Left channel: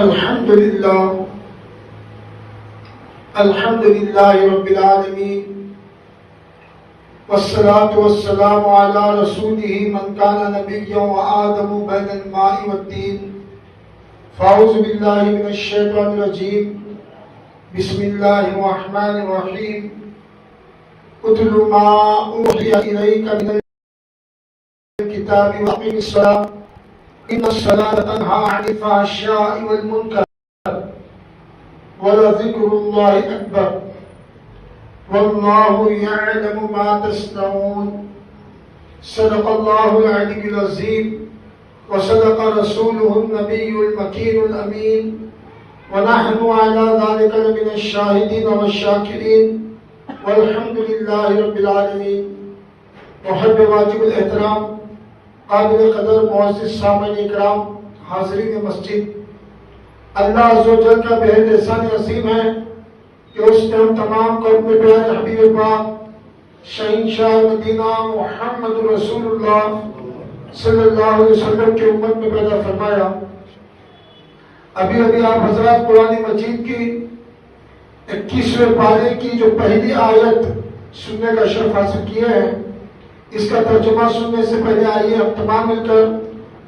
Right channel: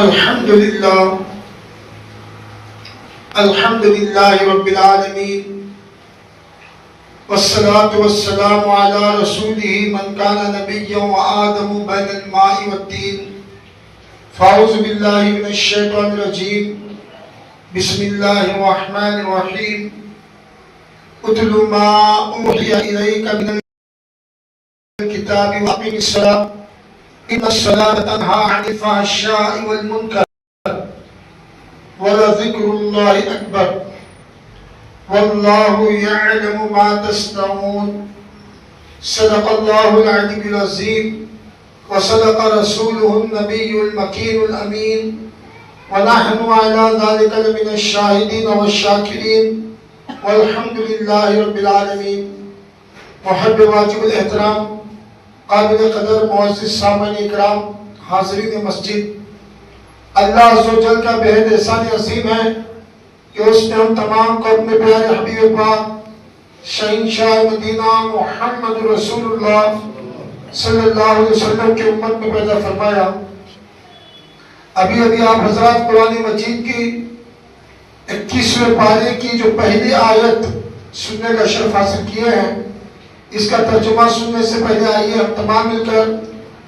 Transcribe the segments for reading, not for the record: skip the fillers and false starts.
الحمد لله رب العالمين والصلاة والسلام على رسوله من كان نبيا وآدم بين الماء والدين فأعوذ بالله من الشيطان الرجيم بسم الله الرحمن الرحيم اتل ما أوحي إليك من الكتاب وأقم الصلاة إن الصلاة تنهى عن الفحشاء والمنكر ولذكر الله أكبر والله يعلم ما تصنعون صدق الله العلي العظيم وصدق رسوله النبي المكين الأمين ونحن على ذلك لمن الشاهدين والشاكرين والحمد لله رب العالمين. محب واجب الاحترام قابل قدر معزز سامعین اکرام حاضرین مسجد، اللہ عز و جل کا بہت احسان عظیم ہے کہ اس نے ہم تمام کو اپنے پیارے حبیب پاک شہنشاہ مدینہ محمد رسول اللہ صلی اللہ علیہ وسلم کی امت میں پیدا فرمایا. ابھی آپ حضرات قرآن مجید کی 21ویں پارے کی جو پہلی آیت سننے کا شرف حاصل کیے ہیں، اس کا ترجمہ سننے سے پہلے آئیے ہم تمام مل کر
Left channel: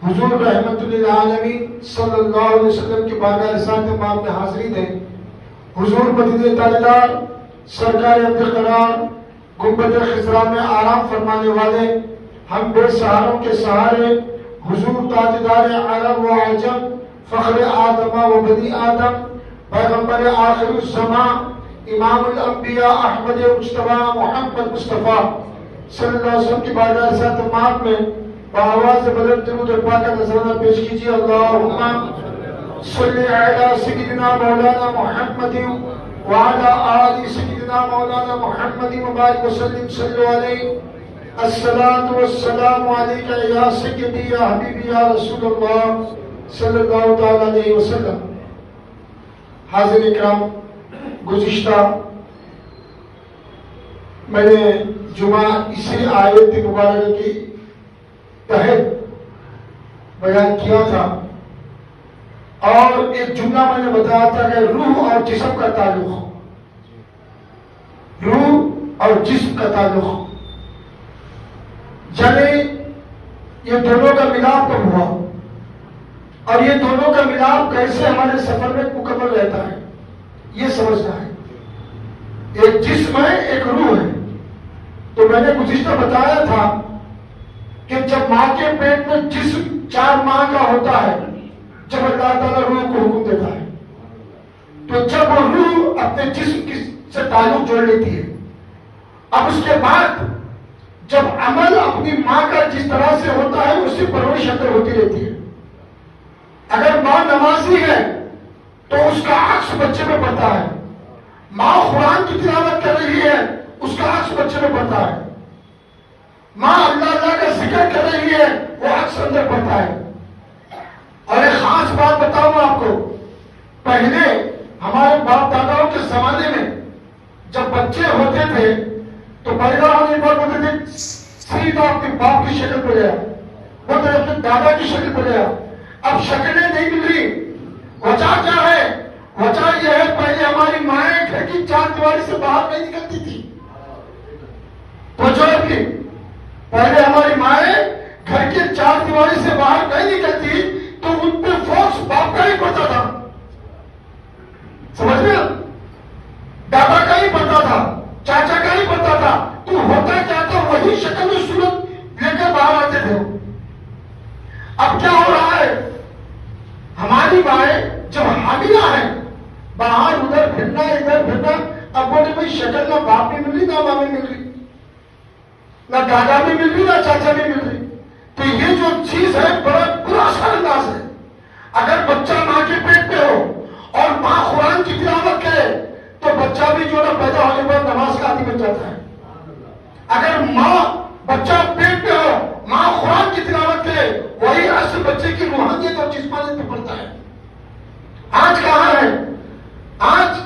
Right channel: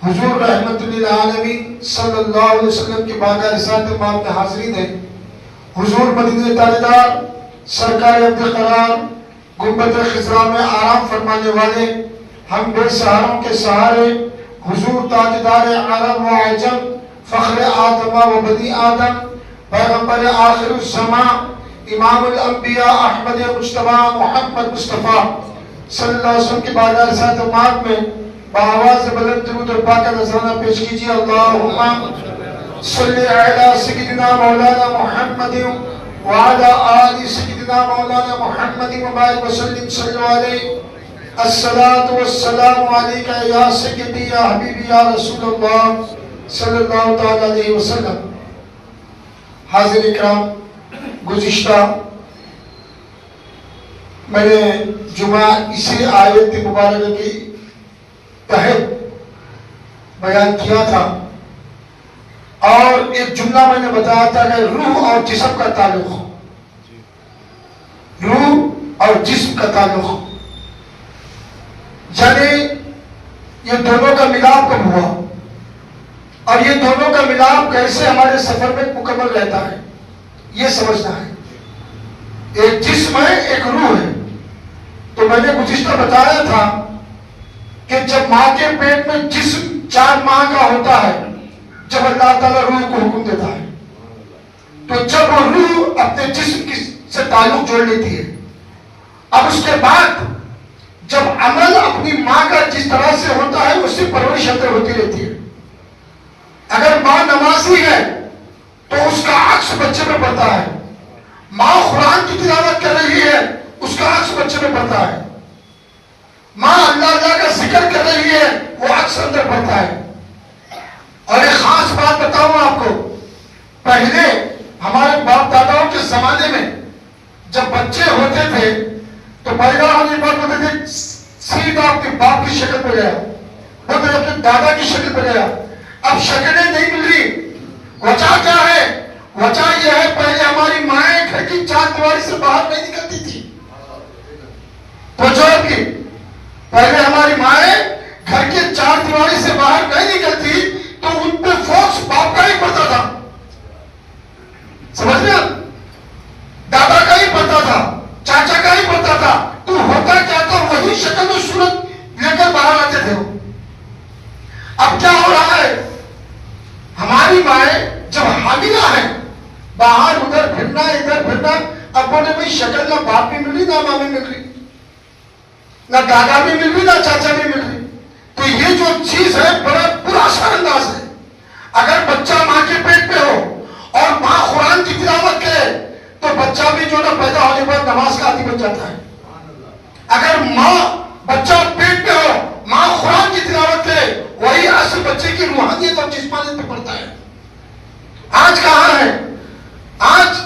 حضور رحمت للعالمین صلی اللہ علیہ وسلم کی بارگاہ رسالت مآب میں حاضرین ہیں. حضور مدینہ تاجدار سرکار عبد قرار گنبد خضرا میں آرام فرمانے والے، ہم بے سہاروں کے سہارے، حضور تاجدار عرب و عجم، فخر آدم و بنی آدم، پیغمبر آخر الزمان، امام الانبیاء احمد مجتبی محمد مصطفیٰ صلی اللہ علیہ وسلم کی بارگاہ رسالت مآب میں بآواز بلند درود اور پاک نذرانہ پیش کیجیے. اللہم صلی علی سیدنا مولانا محمد وعلی آل سیدنا مولانا محمد وبارک وسلم صلی علیہ. الصلاۃ والسلام علیک یا سیدی یا حبیبی یا رسول اللہ صلی اللہ تعالی علیہ وسلم. حاضر اکرام، گزشتہ میں نے جمعہ اسی آیت مبارکہ کی تحت بیان کیا تھا اور ایک جملہ میں نے بتایا تھا کہ روح اور جسم کا تعلق، روح اور جسم کا تعلق، یعنی یہ دونوں کا ملاپ کب ہوا اور یہ دونوں کا ملاپ کیسے ہمارے سفر میں مکمل رہتا ہے، یہ سمجھنا ہے. ایک جسم ہے، ایک روح ہے. تو میں نے گزشتہ بتایا تھا کہ جب ماں کے پیٹ میں جسم 4 ماہ کا ہوتا ہے، جب اللہ تعالیٰ روح کو حکم دیتا ہے، تو جب روح اپنے جسم سے تعلق جوڑ لیتی ہے، اب اس کے بعد جب عمل اپنی ماں کا جس طرح سے ہوتا ہے اس سے پرورش اندر ہوتی رہتی ہے. اگر ماں نمازی ہے تو اس کا عکس بچے میں پڑتا ہے. ماں قرآن کی تلاوت کر رہی ہے، اس کا عکس بچے میں پڑتا ہے. ماں اللہ کا ذکر کر رہی ہے، وہ عکس اندر پڑتا ہے. اور ایک خاص بات بتاؤں آپ کو، پہلے ہمارے باپ داداؤں کے زمانے میں جب بچے ہوتے تھے تو پیدا ہونے پر ہوتے تھے سیدھا اپنے باپ کی شکل پہ گیا، وہ اپنے دادا کی شکل پہ گیا. اب شکلیں نہیں مل رہی. وجہ کیا ہے؟ وجہ یہ ہے پہلے ہماری مائیں گھر کی 4 دیواری سے باہر نہیں نکلتی تھی. کی پہلے ہماری مائیں گھر کے 4 دیواری سے باہر نہیں نکلتی تو ان پہ فوکس باپ کا ہی پڑتا تھا. سمجھ گیا؟ دادا کا ہی پڑتا تھا، چاچا کا ہی پڑتا تھا. تو ہوتا کیا تھا؟ وہی شکل و صورت لے کر باہر آتے تھے. اب کیا ہو رہا ہے؟ ہماری مائیں جب حاملہ ہیں، باہر ادھر پھرنا ادھر پھرنا. اب بولے بھائی شکل نہ باپ بھی مل رہی نہ ماں بھی مل رہی، نہ دادا بھی مل رہی نہ چاچا بھی مل رہی. تو یہ جو چیز ہے بڑا برا سا انداز ہے. اگر بچہ ماں کے پیٹ پہ ہو اور ماں قرآن کی تلاوت کرے تو بچہ بھی جو نا پیدا ہونے پر نماز کا عادی بن جاتا ہے. اگر ماں بچہ پیٹ پہ ہو، ماں قرآن کی تلاوت کرے، وہی اصل بچے کی روحانیت اور جسمانیت پہ پڑتا ہے. آج کہاں ہے؟ آج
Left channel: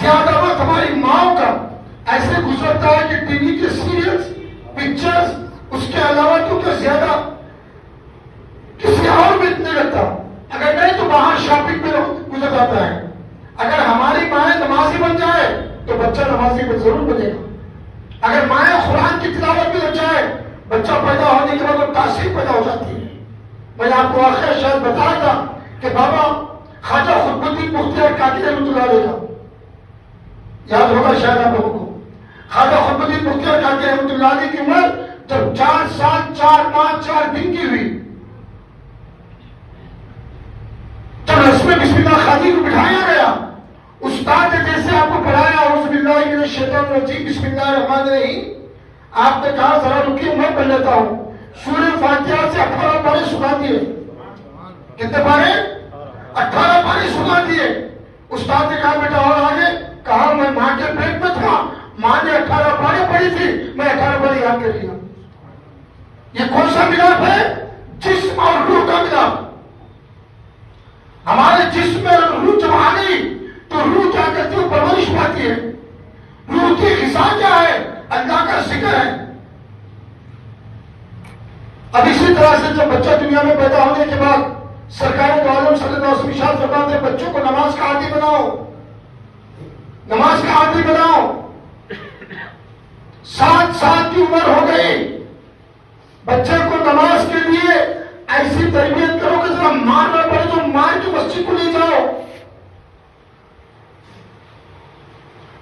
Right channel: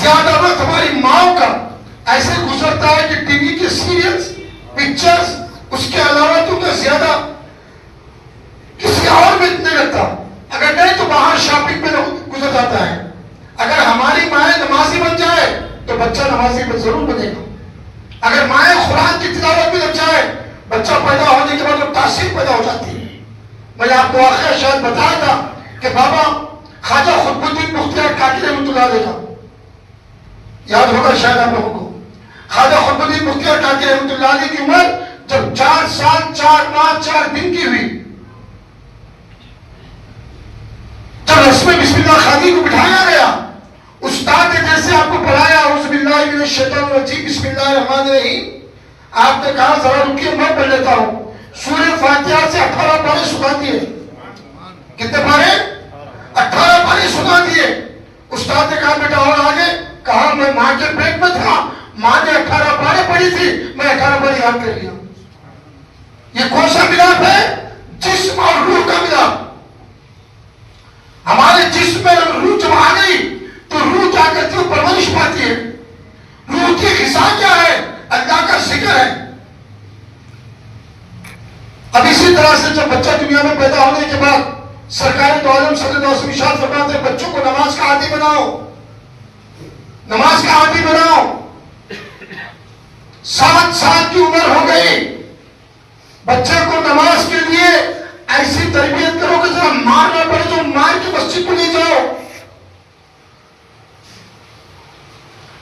زیادہ وقت ہماری ماں کا ایسے گزرتا ہے کہ ٹی وی کے سیریلز، پکچرز، اس کے علاوہ تو زیادہ جاتا ہے. اگر ہماری مائیں نمازی بن جائے تو بچہ نمازی ضرور بنے گا. اگر مائیں قرآن کی تلاوت بھی لگ جائے, بچہ پیدا ہونے کے بعد وہ تاثیر پیدا ہو جاتی ہے. میں نے آپ کو واقعہ شاید بتایا تھا کہ بابا خواجہ قطب الدین مختار کاکی رحمۃ اللہ علیہ کا یاد ہوگا شاید آپ لوگوں کو. خواجہ قطب الدین مختار کاکی رحمۃ اللہ علیہ کی عمر جب 4 سال 4 ماہ 4 دن کی ہوئی, جب رسم بسم اللہ خانی کو بٹھایا گیا, استاد نے جیسے آپ کو پڑھایا اعوذ باللہ من الشیطان الرجیم بسم اللہ الرحمن الرحیم, آپ نے کہا ذرا رکیے میں پڑھ لیتا ہوں. سورہ فاتحہ سے 18 پارے سنا دیے. کتنے پارے؟ 18 پارے سنا دیے. استاد نے کہا بیٹا اور آگے؟ کہا میں ماں کے پیٹ میں تھا, ماں نے 18 پارے پڑھی تھی, میں 18 پارے یاد کر لیا. یہ کون سا ملاپ ہے؟ جسم اور روح کا ملاپ. ہمارے جسم میں روح جب آ گئی تو روح کیا کرتی ہے؟ پرورش پاتی ہے. روح کی غذا کیا ہے؟ اللہ کا ذکر ہے. اب اسی طرح سے جب بچہ دنیا میں پیدا ہونے کے بعد سرکار دو عالم صلی اللہ علیہ وسلم ارشاد فرماتے ہیں بچوں کو نماز کا عادی بناؤ, نماز کا عادی بناؤ. 7 سال کی عمر ہو گئی, بچے کو نماز کے لیے ایسی تربیت کرو کہ ذرا مار نہ پڑے, جو مار کی مسجد کو لے جاؤ.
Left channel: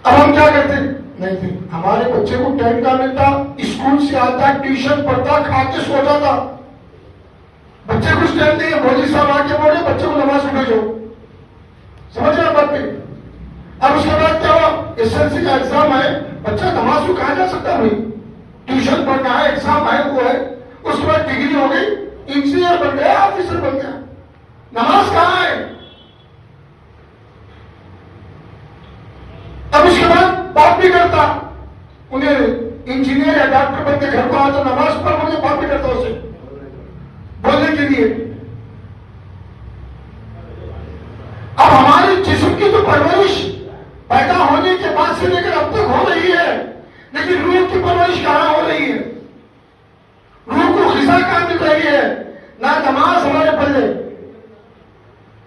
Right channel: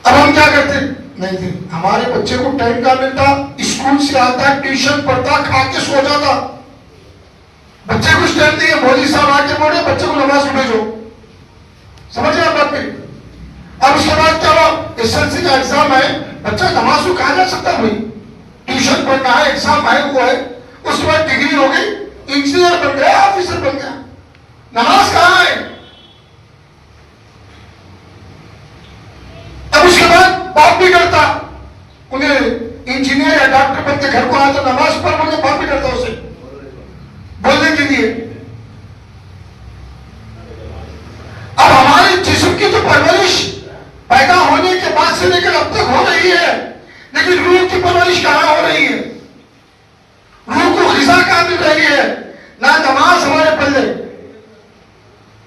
اب ہم کیا کرتے نہیں تھے, ہمارے بچے کو ٹائم کا ملتا, اسکول سے آتا, ٹیوشن پڑھتا, کھا کے سو جاتا. بچے کچھ ٹائم نہیں ہے, مولوی صاحب آ کے بولے بچے کو نماز کو بھیجو. سمجھ رہے بات نہیں؟ اب اس کے بعد کیا ہوا, ایس ایل سی کا ایگزام ہے, بچہ نماز کو کہا جا سکتا بھائی, ٹیوشن پڑھنا ہے, ایگزام ہے, وہ ہے. اس کے بعد ڈگری ہو گئی, انجینئر بن گیا, آفیسر بن گیا, نماز کہاں ہے؟ اب اس کے بعد باپ بھی کرتا, انہیں انجینئر یا ڈاکٹر بن کے گھر کو آتا, نماز پڑھ بولے باپ بھی کرتا اسے بولنے کے لیے. اب ہمارے جسم کی تو پرورش پیدا ہونے کے بعد سے لے کر اب تک ہو رہی ہے, لیکن روح کی پرورش کہاں ہو رہی ہے؟ روح کو غذا کہاں مل رہی ہے؟ نہ نماز ہمارے پلے,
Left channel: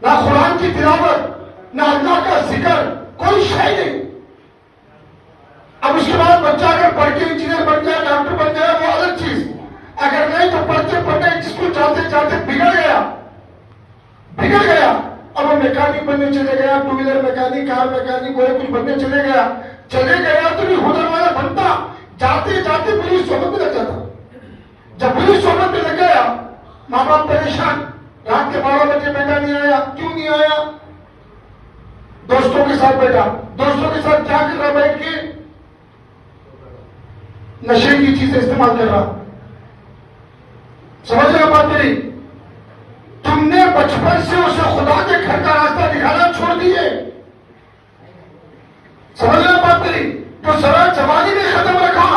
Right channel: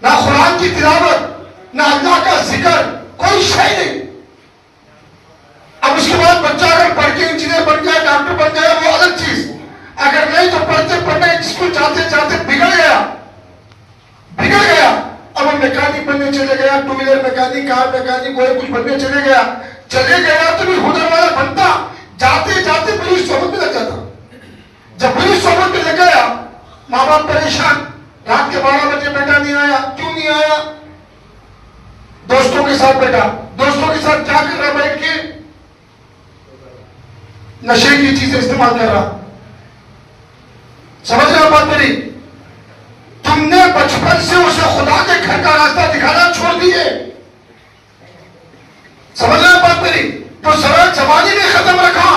نہ قرآن کی تلاوت, نہ اللہ کا ذکر, کوئی شے نہیں. اب اس کے بعد بچہ اگر پڑھ کے انجینئر بن گیا, ڈاکٹر بن گیا, وہ الگ چیز. اگر نہیں تو پڑھتے پڑھتے اسکول جاتے جاتے بگڑ گیا. اب وہ میکینک بننے چلے گیا, 2 ویلر میکینک, کار میکینک, کوئی کچھ بننے چلے گیا تو بھی ہنر والا بنتا, جاتے جاتے پولیس صحبت میں لگ جاتا. جب پولیس صحبت میں لگ گیا, ماں باپ پریشان, رات کے 12 بجے بیٹا نہیں آیا, کیوں نہیں آیا؟ دوستوں کے ساتھ بیٹا, دوستوں کے ساتھ کیا کر رہا بیٹھ کے؟ نشے کی چیزیں استعمال کر رہا. سمجھ رہے ہو بات میری؟ تم نے بچپن سے اسے خدا کے گھر کا راستہ دکھانا چھوڑ دیے. سمجھ رہے ہو بات میری؟ تو ذرا جوانی نے ختم رکھا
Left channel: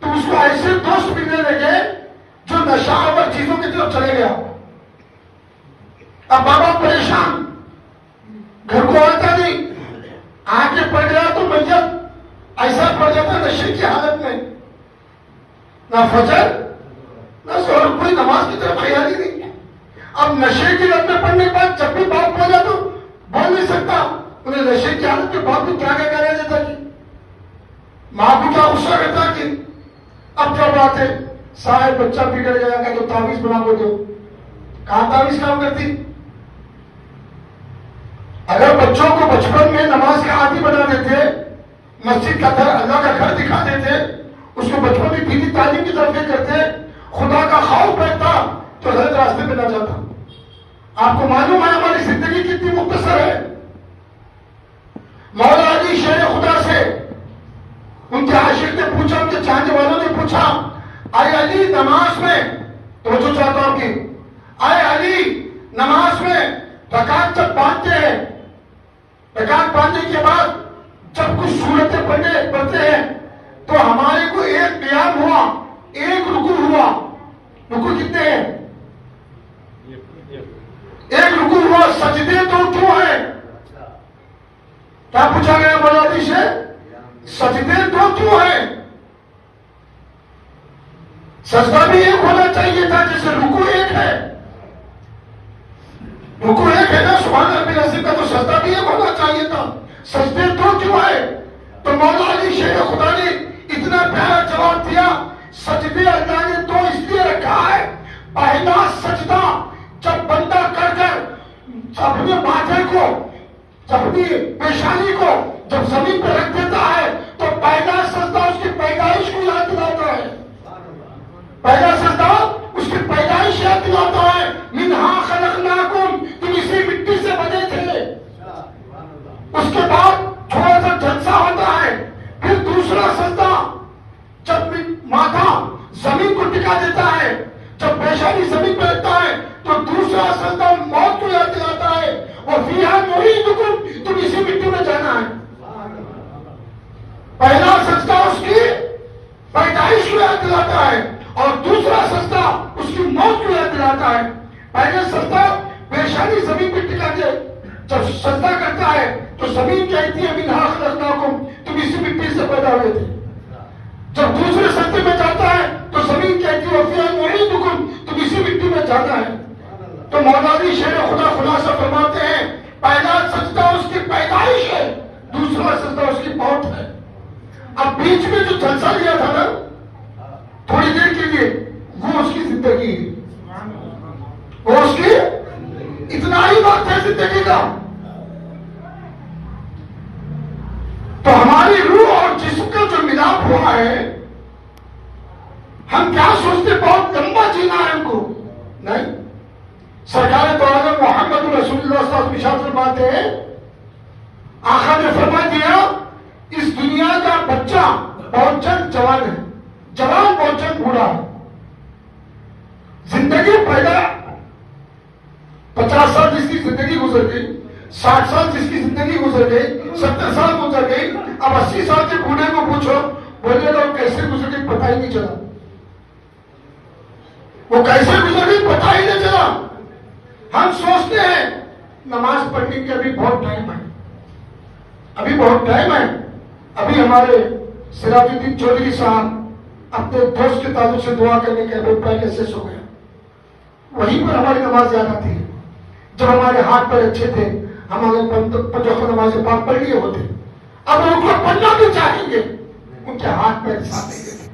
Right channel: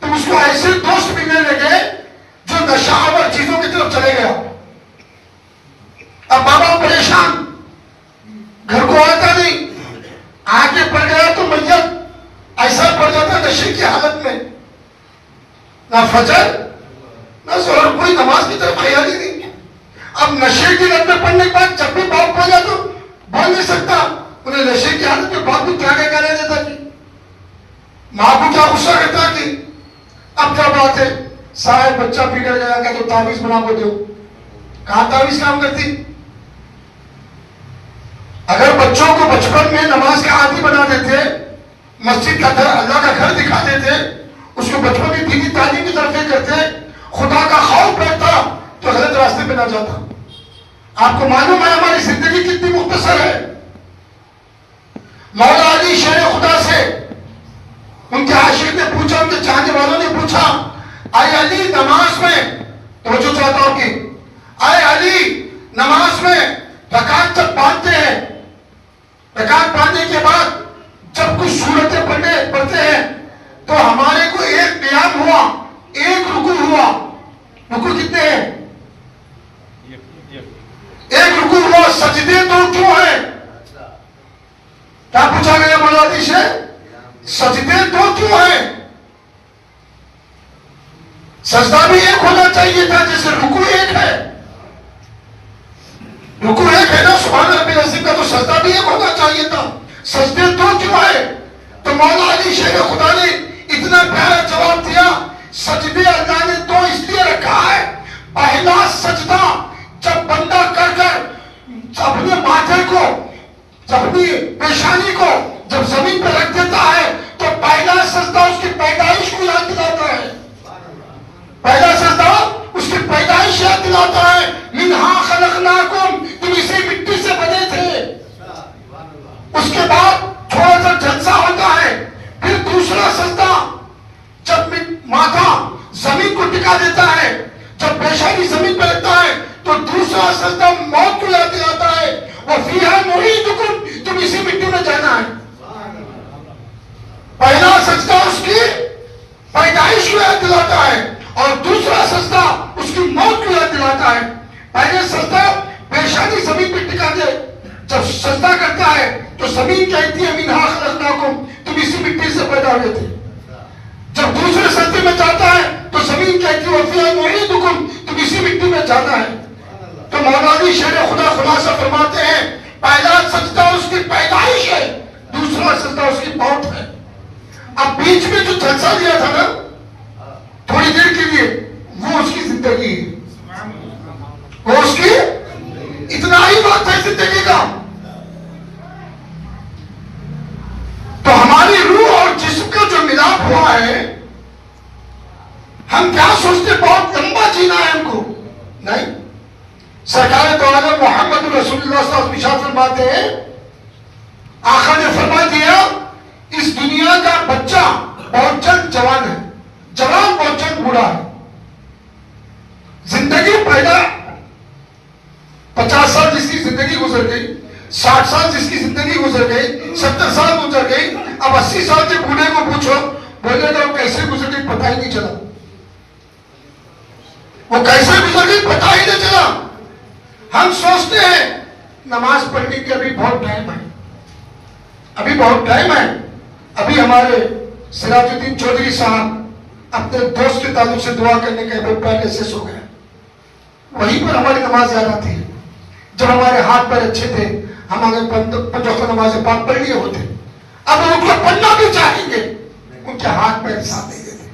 تو اس کو ایسے دوست ملنے لگے جو نشہ آور چیزوں کی طرف چلے گیا. اب بابا پریشان, گھر کو آتا نہیں, آگے پڑ گیا تو میت ایسا پڑ جاتا نشے کی حالت میں, نہ فجر نہ ظہر, کوئی نماز کی طرف خیال ہی نہیں. اب نشے کی لت میں پڑنے کے بعد جب بھی باپ پڑ جاتا بول نہیں سکتا, انہیں نشے کی حالت میں باپ کو تراغے کا نہیں دیتا کہ ماں کو کیا غصہ کرتا کہ اب کیا بات ہے, صاحب بچہ بگڑ گیا کہ تو تعویذ بنا کو دو. کہاں تعویذ کام کرتی؟ اگر بچوں کو بچپن میں نماز کا عادی بنا دیتے, مسجد کا گھر, اللہ کا گھر دکھا دیتے, اس کو بچپن میں دینی تعلیم کی طرف لے کرتے, خدا کا خوف بیٹھتا تو غلط راستے پہ نہ جاتا. آپ کو معلوم ہے ہماری زندگی کتنی مختصر ہے. مولا علی شیر خدا سے ان کے عاشق نے پوچھا, ان کے چاہنے والوں نے پوچھا, اے علی نماز میں, توجہ چاہتا ہوں کہ اے علی نماز میں رکعت جب باندھتے ہیں, رکعت باندھنے کے بعد جب کچھ سورتیں پڑھتے ہیں تو ہمارے کو ایک قیام ہوا, ایک رکوع ہوا. رکوع کتنے ہیں؟ ایک رکوع ہوا. سجدے تو کیوں ہیں؟ کیا پوچھا گیا مولا علی سے؟ سجدے تو کیوں ہیں؟ سجدہ بھی ایک ہونا چاہیے تھا جیسے رکوع ایک ہے. رکوع ایک ہے نا سبحان ربی العظیم کا، تو سجدہ بھی ایک ہونا چاہیے تھا. سجدے دو کیوں ہے؟ تو مولا علی شیر خدا نے اتنا پیارا جواب دیا، سجدے اللہ نے دو اس لیے رکھا ہے. پہلا سجدہ جب بندہ کر کر اپنے ماتھے کو، اپنی پیشانی کو جب زمین پہ رکھ دیتا ہے تو پہلا سجدہ اس کی پیدائش کو یاد دلاتا ہے. پہلا سجدہ اس کی پیدائش یاد دلاتا ہے. منہا خلقناکم، تم اسی مٹی سے بنے تھے. اس کے بعد تھوڑا سا جلسہ ہوتا ہے. پھر دوسرا سجدہ جب ماتھا زمین کو ٹکا دیتا ہے، جب پیشانی زمین پہ رکھتا ہے تو دوسرا سجدہ موت کو یاد دلاتا ہے. وَفِيهَا نُعِيدُكُمْ، تم اسی مٹی میں جانا ہے. پہلا سجدہ اس کی پیدائش کو یاد دلاتا ہے اور دوسرا سجدہ اس کی موت کو یاد دلاتا ہے. پہلے سجدہ پیشانی زمین پہ ٹکا دے، جب سجدہ کرتا ہے تو زمین کہتی ہے منہا خلقناکم، تم اسی مٹی سے پیدا ہوئے تھے. جب دوسرے سجدے میں جاتا ہے تو زمین کہتی ہے وَفِيهَا نُعِيدُكُمْ، تم اسی مٹی میں جانا ہے. تو مولانا شیر خدا خلاصہ فرماتے ہیں پہلا سجدہ اس کی پیدائش ہے، دوسرا سجدہ اس کی موت ہے. اب بیچ میں جو جلسہ لیا تھا نا تھوڑی دیر کے لیے، وہ اس کی زندگی ہے، وہ اس کی اتنا ہی وقت ہے زندگی کا. تو ہماری روح اور جسم کا جو ملاپ ہوا ہے، ہم کیا سوچتے بہت لمبا جینا ہے ہم کو؟ نہیں. سرکار دو عالم محمد رسول اللہ صلی اللہ علیہ وسلم فرماتے ہیں، آقا نے فرما دیا اس دنیا کا بچہ بہت جلد جوان ہے، جوان بہت جلد بوڑھا ہے. زندگی پیدا 50 سال جس کی زندگی گزر گئی، 60 سال جس کی زندگی گزر گئی، 70 سال گزر گئی. اب 80 سال کے بوڑھے کو پوچھو، بولے گا وہ کیسے گزر گئی پتہ ہی نہیں چلا. وہ کیسے گزر گئی پتہ ہی نہیں چلا. ہم سوچتے ہیں نماز پڑھنے کے ابھی بہت ٹائم ہے، ابھی بہت ٹائم ہے. ابھی ہمارے سراج الدین چودھری صاحب اپنے دوست کے تعلق سے دعا کرنے کے بعد پہلے سے سو گئے. وہیں پر ہماری نماز زیادہ تھی. جب ہمارے ہاتھ پیر اچھے تھے ہم آگے 5 وقت نماز پاک پڑھ لیے ہوتے. اب وہ لوگ پڑھنا بھی چاہیں گے، ان کے ہاتھ پیر ساتھ نہیں دیتے.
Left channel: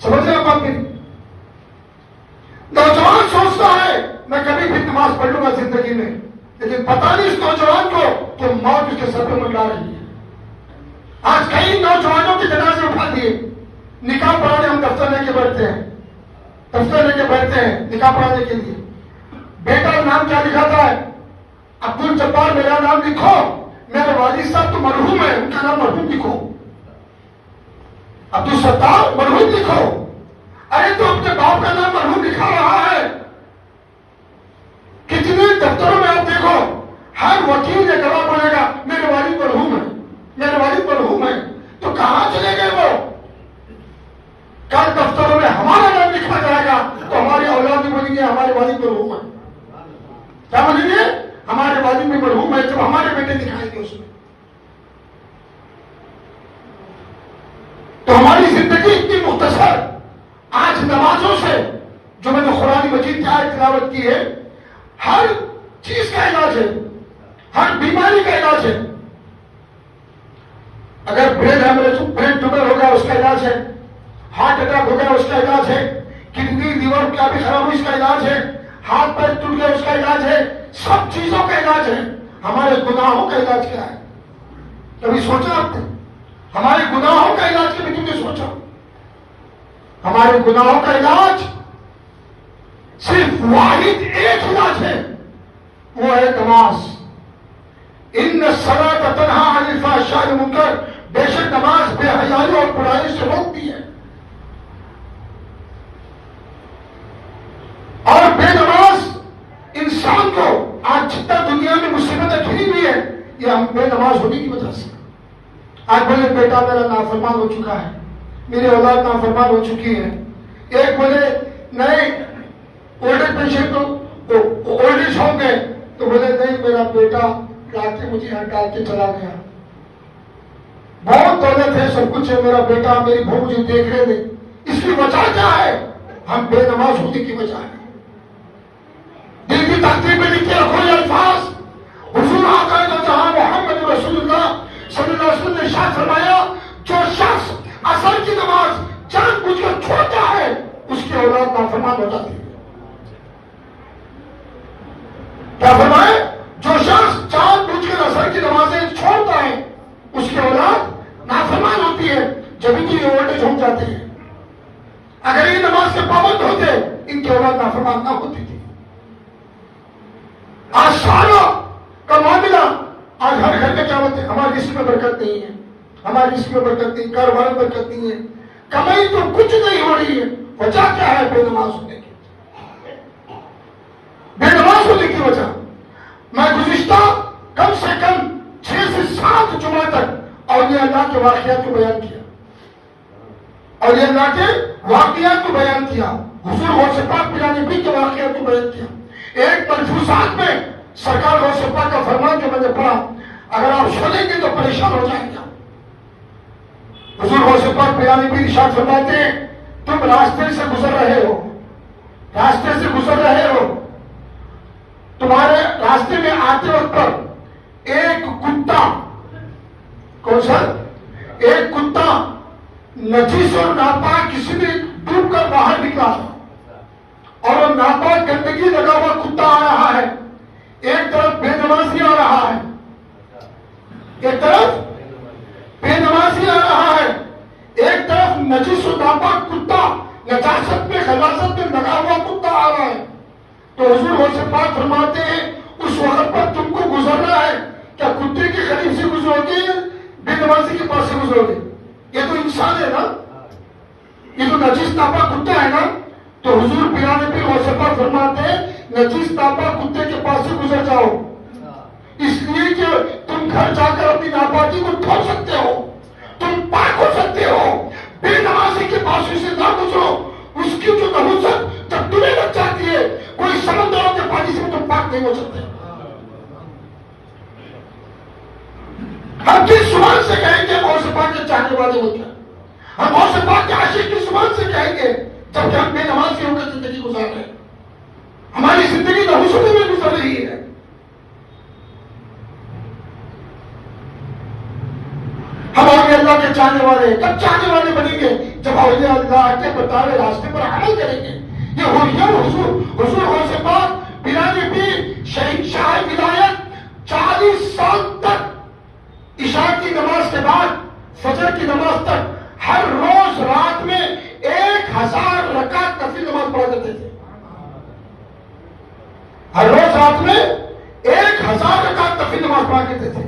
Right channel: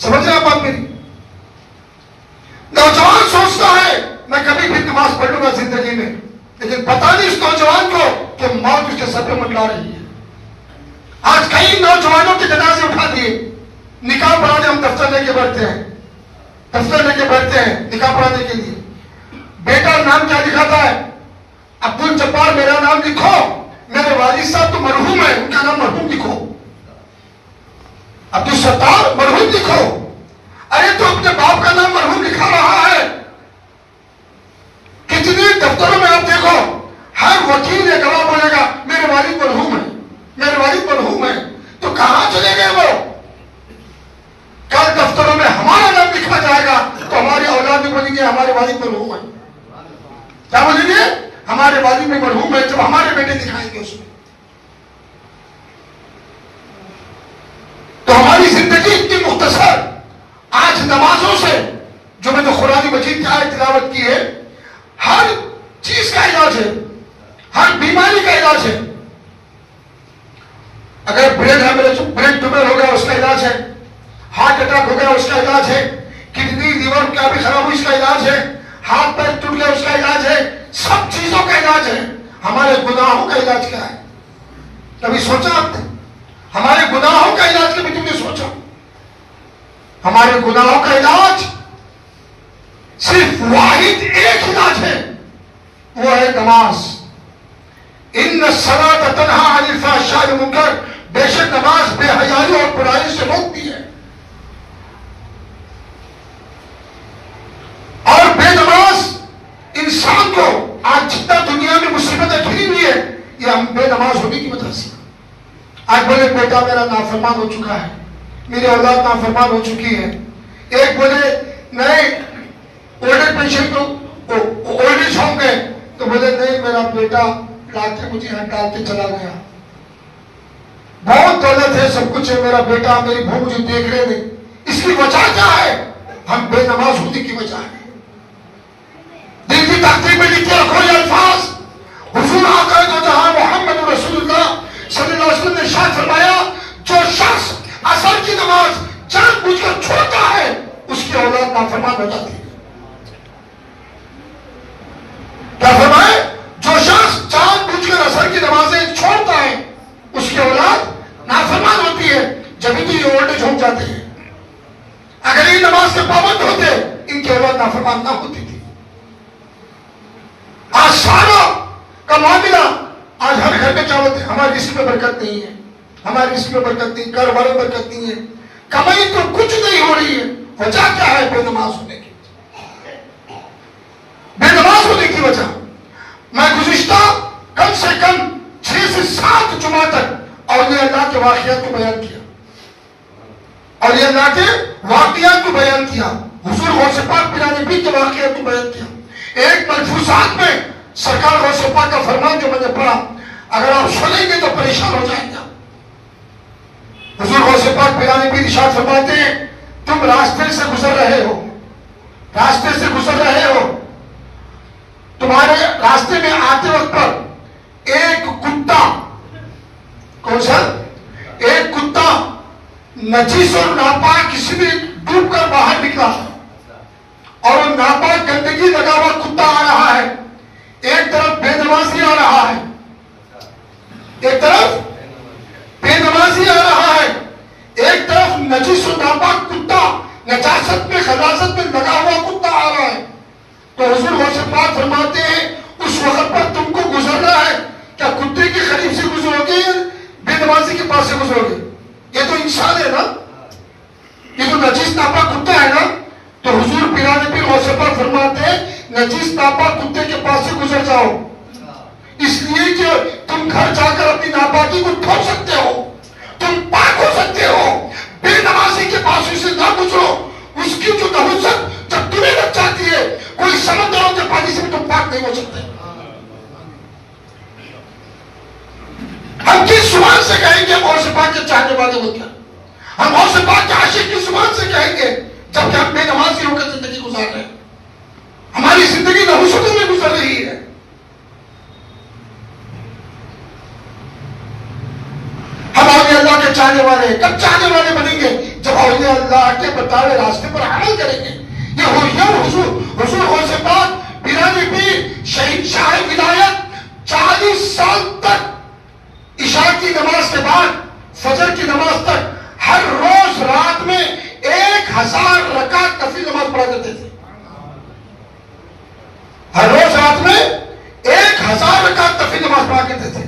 سمجھ رہے آپ میری؟ نوجوان سوچتا ہے میں کبھی بھی نماز پڑھ لوں گا زندگی میں، لیکن پتا نہیں اس نوجوان کو کہ موت اس کے سر پہ منڈلا رہی ہے. آج کئی نوجوانوں کے جنازے اٹھا دیے. نکاح پڑھانے ہم دفتر لے کے بیٹھتے ہیں، دفتر لے کے بیٹھتے ہیں نکاح پڑھانے کے لیے. بیٹا نام کیا لکھاتا ہے؟ عبد الجبار میرا نام لکھو. میرے والد صاحب تو مرحوم ہے، ان کا نام مرحوم لکھو. عبد الستار مرحوم لکھو. ارے تو اپنے باپ کا نام مرحوم لکھا رہا ہے. کتنے دفتروں میں آپ دیکھو ہر وکیل یہ گواہ بولے گا میرے والد مرحوم ہے، میرے والد مرحوم ہے. تو کہاں چلے گئے وہ؟ کل دفتروں میں ہمارا نام لکھا جائے گا تو ہمارے اولاد بھی بولیں گے ہمارے والد مرحوم ہے. کیا بولیں گے؟ ہمارے والد بھی مرحوم ہے. جب ہمارے بیٹے دکھائیں گے اس میں. تو ہماری زندگی اتنی مختصر. آج نمازوں سے جو میں نے قرآن مجید کی آیت تلاوت کی ہے، ہر چیز کا علاج ہے، ہر بیماری کا علاج ہے. اگر برین ٹیومر ہو گیا اس کا علاج ہے، ہارٹ اٹیک ہو گیا اس کا علاج ہے، کڈنی لیور کیا بھی خراب ہوئی اس کا علاج ہے، ہاتھ پیر ٹوٹ گیا اس کا علاج ہے. سب چیزوں کا علاج ہے. ہمارے گناہوں کا علاج کیا ہے؟ کبھی سوچا آپ نے؟ ہمارے گناہوں کا علاج کبھی تم نے سوچا؟ ہمارے گناہوں کا علاج صرف واحد ایک علاج ہے، وہ ہے نماز. ان الصلاۃ تنہی عن الفحشاء والمنکر، بے شک نماز بے حیائی اور برائی سے روکتی ہے. اور بے نماز انسان کو آج جتنا دنیا میں مصیبتیں گھری ہوئی ہے یہ ہم بے نماز ہونے کی وجہ سے. آج بولے بیٹا میرا نافرمان ہو چکا ہے، میری اولاد نافرمان ہو چکی ہے. ایک بولے نہیں old patient old age home گئے تو بولے نہیں میرا بیٹا رات میں مجھے یہاں ڈال کے چلا گیا، بہت دولت ہے سب کچھ ہے، میرا بیٹا میری بہو مجھے دیکھ رہے نہیں. اس کی وجہ کیا ہے؟ ہم بے نماز ہونے کی وجہ ہے. دل کی تقدیر میں لکھ کے رکھو اولاد نافرمان ہو جاتی ہے. کیا فرمائے؟ جو شخص جان بوجھ کر عصر کی نمازیں چھوڑتا ہے اس کی اولاد نافرمان ہوتی ہے. جبھی تو یہ اولڈ ایج ہو جاتے ہیں. اگر یہ نماز کے پابند ہوتے ان کی اولاد نافرمان نہ ہوتی تھی. آج سارا کا معاملہ آج ہر گھر میں کیا ہوتے ہیں؟ ہماری رزق میں برکت نہیں ہے, ہماری رزق میں برکت نہیں, کاروبار میں برکت نہیں ہے, کمائی تو کچھ نہیں ہو رہی ہے. وجہ کیا ہے؟ بے نماز ہونے کی. بے نماز ہونے کی وجہ. میں گزشتہ کم سے کم 6 سے 7 جمعہ تک اولیاء اللہ کے واقعات کو بیان کیا, اولیاء اللہ کے واقعات کو بیان کیا, حضور غوث پاک پیران پیر کے واقعات کو بیان کیا. ایک ملفوظات میں سرکار غوث پاک کا فرمان جو میں نے پڑھا, اگر آپ سنیں گے تو پریشان ہو جائیں گے. حضور غوث پاک پیران پیر ارشاد فرماتے ہیں, تم راستے سے گزر رہے ہو, راستے سے گزر رہے ہو, تمہارے راستے میں آتے وقت پر ایک کتا, کون سا؟ ایک کتا نجیس اور ناپاک کسی بھی ڈوب کر باہر نکلا اور وہ ناپاک گندگی لگا ہوا کتا آ رہا ہے. ایک طرف بے نمازی آ رہا ہے, ایک طرف بے نمازی آ رہا ہے, ایک طرف نجیس و ناپاک کتا نجاست میں خلاصت میں لگا ہوا کتا آ رہا ہے. تو حضور غوث پاک فرماتے ہیں اس وقت پر تم کو گزرنا ہے, کیا کتے کے قریب سے گزرو گے, بے نمازی کے پاس سے گزرو گے؟ یہ تو انسان ہے نا, یہ تو نجیس ناپاک کتا ہے نا. تو حضور پیران پیر غوث پاک فرماتے ہیں نجیس ناپاک کتے کے پاس سے گزر جاؤ, اس لیے کہ تم گھر جا کر اپنی ناپاکی کو دھو سکتے ہو, تم پاک ہو سکتے ہو. بے نمازی کے پاس سے نہ گزرو, اس کی جو نحوست جب تمہیں لگ جاتی ہے, کوئی سمندروں کے پانی سے بھی تم پاک نہیں ہو سکتے. ہم کس زبان سے کہیں گے غوث پاک کے چاہنے والے ہو کیا؟ ہم غوث پاک کے عاشق کس زبان سے کہیں گے جبکہ ہم بے نمازی ہو کر زندگی گزار رہے ہیں؟ ہماری زندگی نحوستوں میں گزر رہی ہے. ہم اولیاء اللہ کے چاہنے والے کب چاہنے والے بنیں گے؟ جب اولیاء اللہ کے بتائے راستے پر عمل کریں گے. یہ حضور غوث پاک پیران پیر شہید شاہ ولایت 40 سال تک عشاء کی نماز کے بعد فجر کی نماز تک ہر روز رات میں 1000 رکعت نفلی نماز پڑھا کرتے تھے. ہر روز رات میں 1000 رکعت نفلی نماز پڑھا کرتے تھے.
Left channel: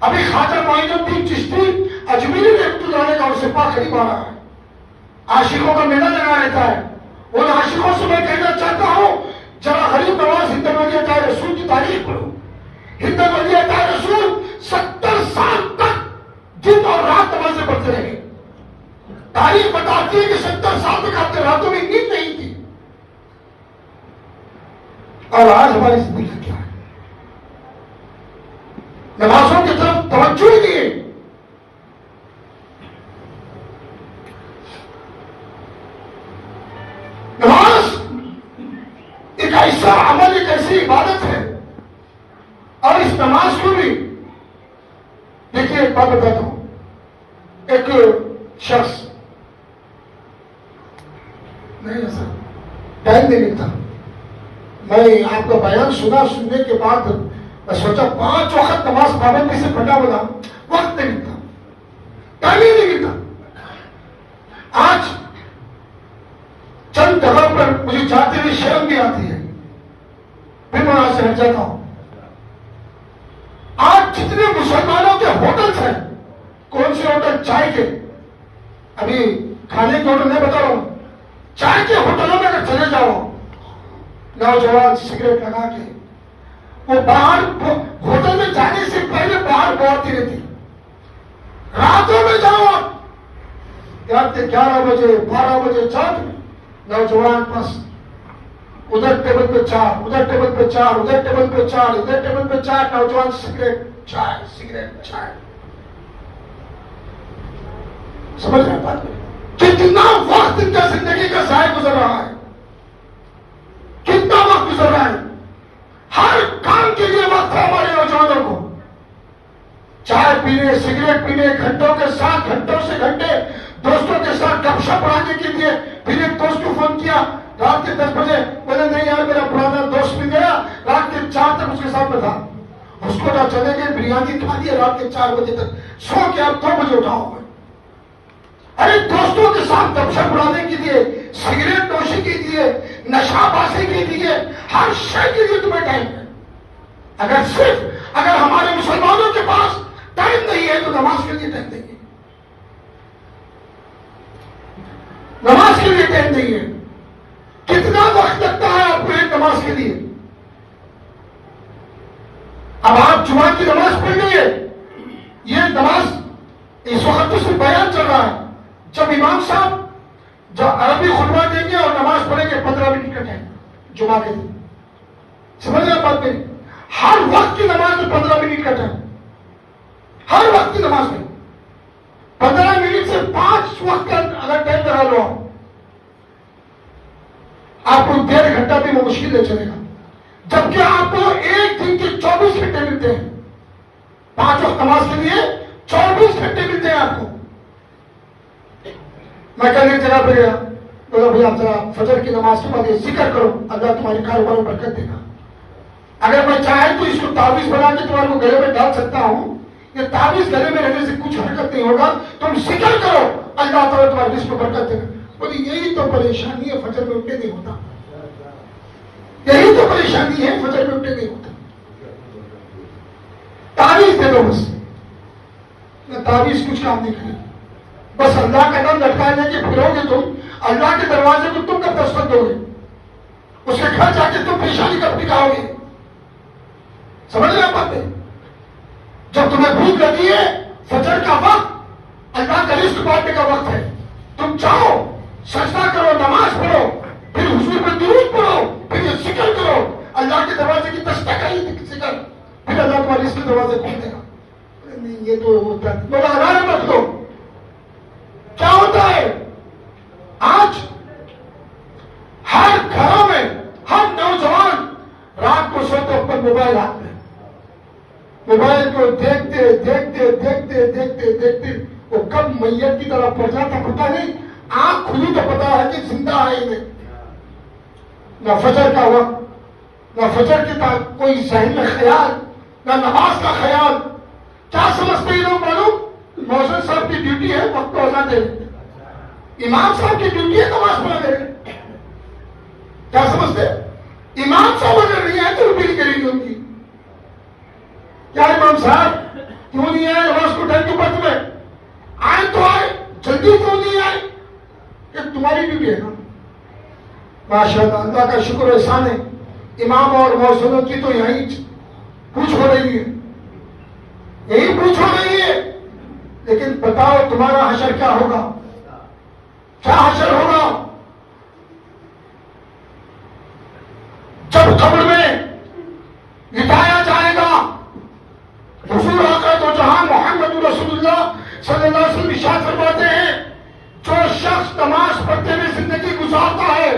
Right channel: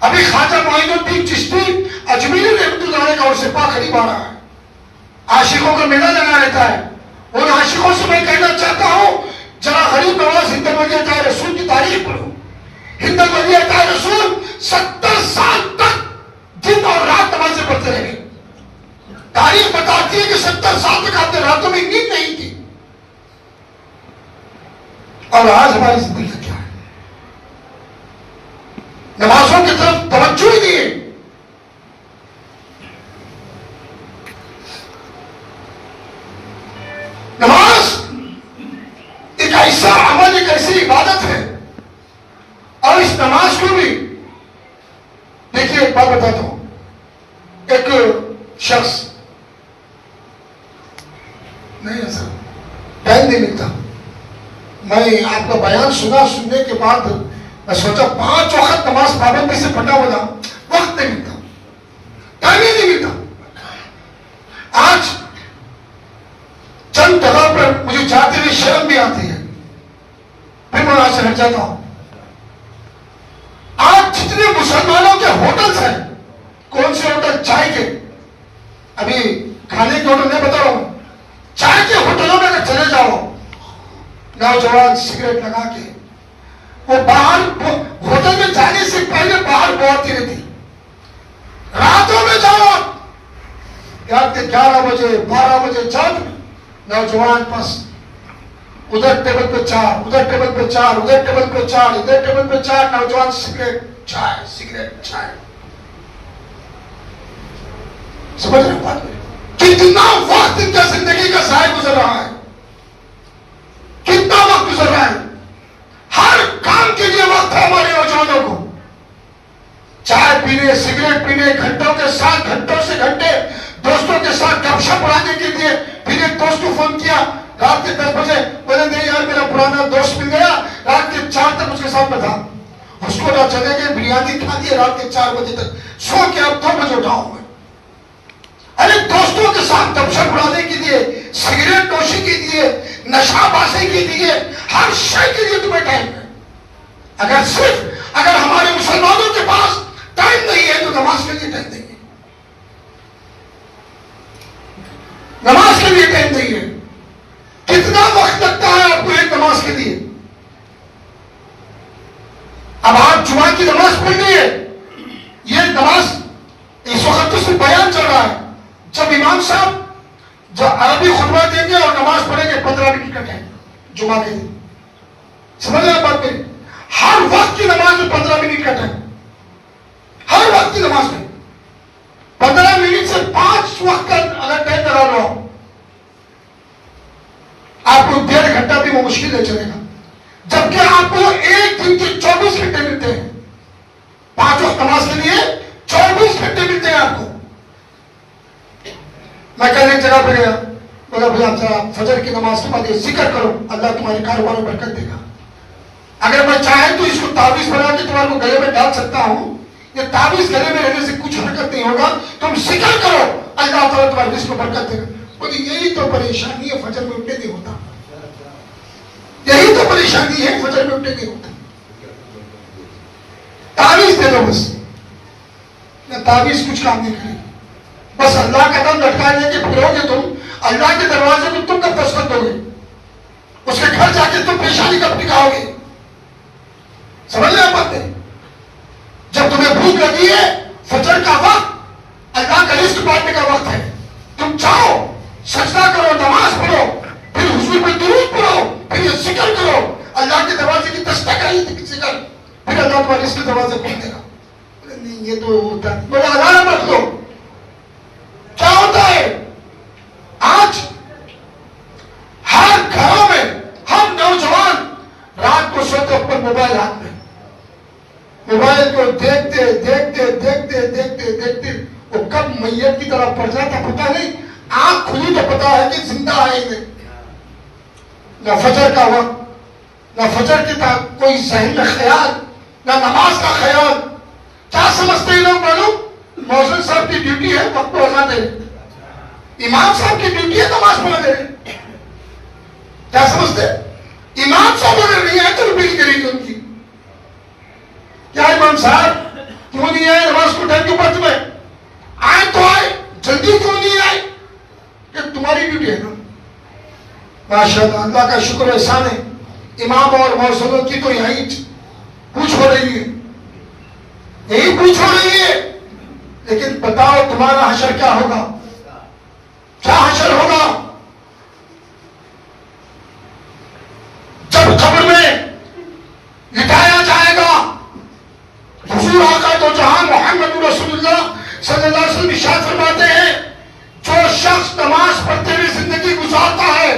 ابھی خواجہ معین الدین چشتی اجمیری رحمۃ اللہ علیہ کا غوث پاک قریب آ رہا ہے, عاشقوں کا میلہ لگا رہتا ہے. ان عاشقوں سے میں کہنا چاہتا ہوں ذرا غریب نواز ہند ولی عطا رسول کی تاریخ پڑھو. ہند ولی عطا رسول 70 سال تک دن اور رات نمازیں پڑھتے رہے. تاریخ بتاتی ہے کہ 70 سال تک اپنے راتوں میں نیند نہیں تھی. اور آج ہماری زندگی کیا ہے؟ نمازوں کی طرف توجہ ہی نہیں ہے. نماز ایک ایسا عمل, ایک ایسی عبادت ہے, اور اس نماز کو بھی دیکھیے ایک بات بتاتا ہوں. ایک شخص نہیں ایسا ٹائم نہیں ملتا. میں آپ کا بیان سننے کے بعد میں سوچا 5 وقت نماز پابندی سے پڑھنا ہوگا, وقت نہیں ملتا, ٹائم ہی نہیں ملتا. آج چند جگہ پر مجھے جاتے ہوئے شرم بھی آتی ہے, پھر میں وہاں سے ہٹ جاتا ہوں. آج جتنے مسلمانوں کے ہوٹلز ہیں, کون سے ہوٹل؟ چائے کے, ابھی کھانے کے ہوٹل نہیں بتا رہا ہوں, چائے کے ہوٹلوں میں اگر چلے جاؤ, نوجوان سگریٹ لگا کے وہ باہر ہوٹل میں جانے سے پہلے باہر بہتی رہتی. راتوں میں جاؤ, 11 بجے 12 بجے جاؤ, نوجوان بس ادھر ٹیبل پہ 4, ادھر ٹیبل پہ 4, ادھر ٹیبل پہ 4, ادھر ٹیبل پہ 4, نوجوان سگریٹ چائے, سگریٹ چائے. سمجھ رہے بات؟ کتنا وقت ان کا زندگی کا ضائع گزر رہا ہے, کتنا وقت گزر رہا ہے. ہر کام کے لیے وقت ہے ہمارے نوجوانوں کو. چائے پینے, سگریٹ پینے, گھنٹوں سے گھنٹے دوستوں کے ساتھ گپ شپ اڑانے کے لیے. پھر ایک دوست کو فون کیا, رات کے 10 بجے بولے نہیں یار میرا پرانا دوست مل گیا رات کے 4 تک اس کے ساتھ میں تھا اس کو نہ چلے گئے بریانی کھا دی رات کے 4 بجے تک سو کے اب 2 بجے اٹھاؤں میں ارے دوستوں کے ساتھ گپ شپ اڑانے کے لیے سگریٹ نوشی کے لیے نشہ بازی کے لیے ہر شے کے لیے تمہیں ٹائم ہے اگر ہمارے مسلمانوں کے پاس ٹائم نہیں ہے تو نماز کے لیے ٹائم نہیں ہے نماز کے لیے ٹائم نہیں ہے کتنا وقت لگتا ہے آپ کو ایک نماز کے لیے اب آپ جمعہ کی نماز پڑھ رہی ہے یہ نماز اس وقت تو صرف بیان چل رہا ہے جب امام صاحب جب عربی خطبہ دیں گے اور نماز پڑھیں گے 15 منٹ کا ٹائم جمعہ کے لیے سمجھ رہے ہیں بات میری ہر وقت کی نماز میں 15 منٹ کا ٹائم ہر وقت کی نماز میں 15 منٹ سے 5 وقت کا اگر ٹائم کرا لو آپ کو 1.5 گھنٹہ بھی وہ مشکل ہے چلے گا جبکہ آپ کو ایک دن کے 24 گھنٹے ملتے ہیں 5 وقت نماز کے لیے 24 گھنٹے ملتے ہیں آپ کو میں کل ایک جگہ پہ گیا بولا بھائی آپ ذرا فجر کی نماز کے بعد یہ ذکر کرو اللہ تمہارے کاروبار میں برکت دے گا اگر میں چاہے تو اس کو تعویذ بنا کے تمہارے کو گلے میں ڈال سکتا ہوں یہ تعویذ گلے میں رہنے سے کچھ حرکت نہیں ہوگا تم ذکر کرو اللہ تعالیٰ تمہارے رزق کو برکت دے گا بولی یہی تو پریشانی ہے فجر میں اٹھنے نہیں ہوتا یہی تو پریشانی ہے فجر میں اٹھنے نہیں ہوتا تعویذ دے دو بس تعویذ کچھ کام نہیں کرے بس اللہ کا نام لٹکانے کے پھرو گے تم اللہ کے دروازے کو تم کب دستخط دو گے اس کے گھر جا کے تم پریشانی کب نکاؤ گے سمجھ رہے باتیں جب تمہیں بھوک لگی ہے فجر کا وقت اللہ کا رزق بانٹنے کا وقت ہے تم چاہو سجدہ کرو نماز پڑھو پھر حضور پہ درود پڑھو پھر یہ ذکر کرو اللہ کے دروازے کی دستک ہے ذکر پھر اللہ تمہارے رزق کے دروازے کھول دے گا نہیں یہ تو ہوتا ہے بڑا الارم رکھ لو کیا ہوتا ہے آج ہر گھروں میں ہم نوجوان رات کو سوتے اوپر موبائل ہاتھ میں موبائل کو دیکھتے دیکھتے دیکھتے دیکھتے دیکھتے وہ کب میت کی طرح پڑ جاتا پتا نہیں آنکھ کھلی تو پتا ہے کہ زندہ آئے گے نہ فجر کا وقت نہ فجر کی کوئی ذہن میں خیال نہ نماز کا خیال کیا سمجھتے ہیں لوگ معلوم مؤذن صاحب کی ڈیوٹی ہے وقت کو اذان دے امام صاحب کی ڈیوٹی ہے نماز پڑھا دے کیا سمجھتے امام صاحب اگر نہیں آئے تو ڈیوٹی کریں گے ان کی کیا امام صاحب کیوں نہیں آئے نماز کو ٹائم کیوں پڑھتے میں آئے تو آئے جلدی کیوں نہیں آئے یہ تمہاری ڈیوٹی ہے نا ماشاءاللہ اللہ کا شکر احسان ہے امام اور مؤذنوں کی تو یہی پوچھ ہو رہی ہے یہی پوچھ ہو رہی ہے لیکن بتاؤ تمہارا حشر کیا ہوگا کیا حشر ہوگا جب قبر میں لٹایا جائے گا حضور آقا تو جہاں محمد رسول اللہ صلی اللہ علیہ وسلم ارشاد فرماتے ہیں جو شخص نماز پڑھتے ہوئے زندگی گزارتا ہے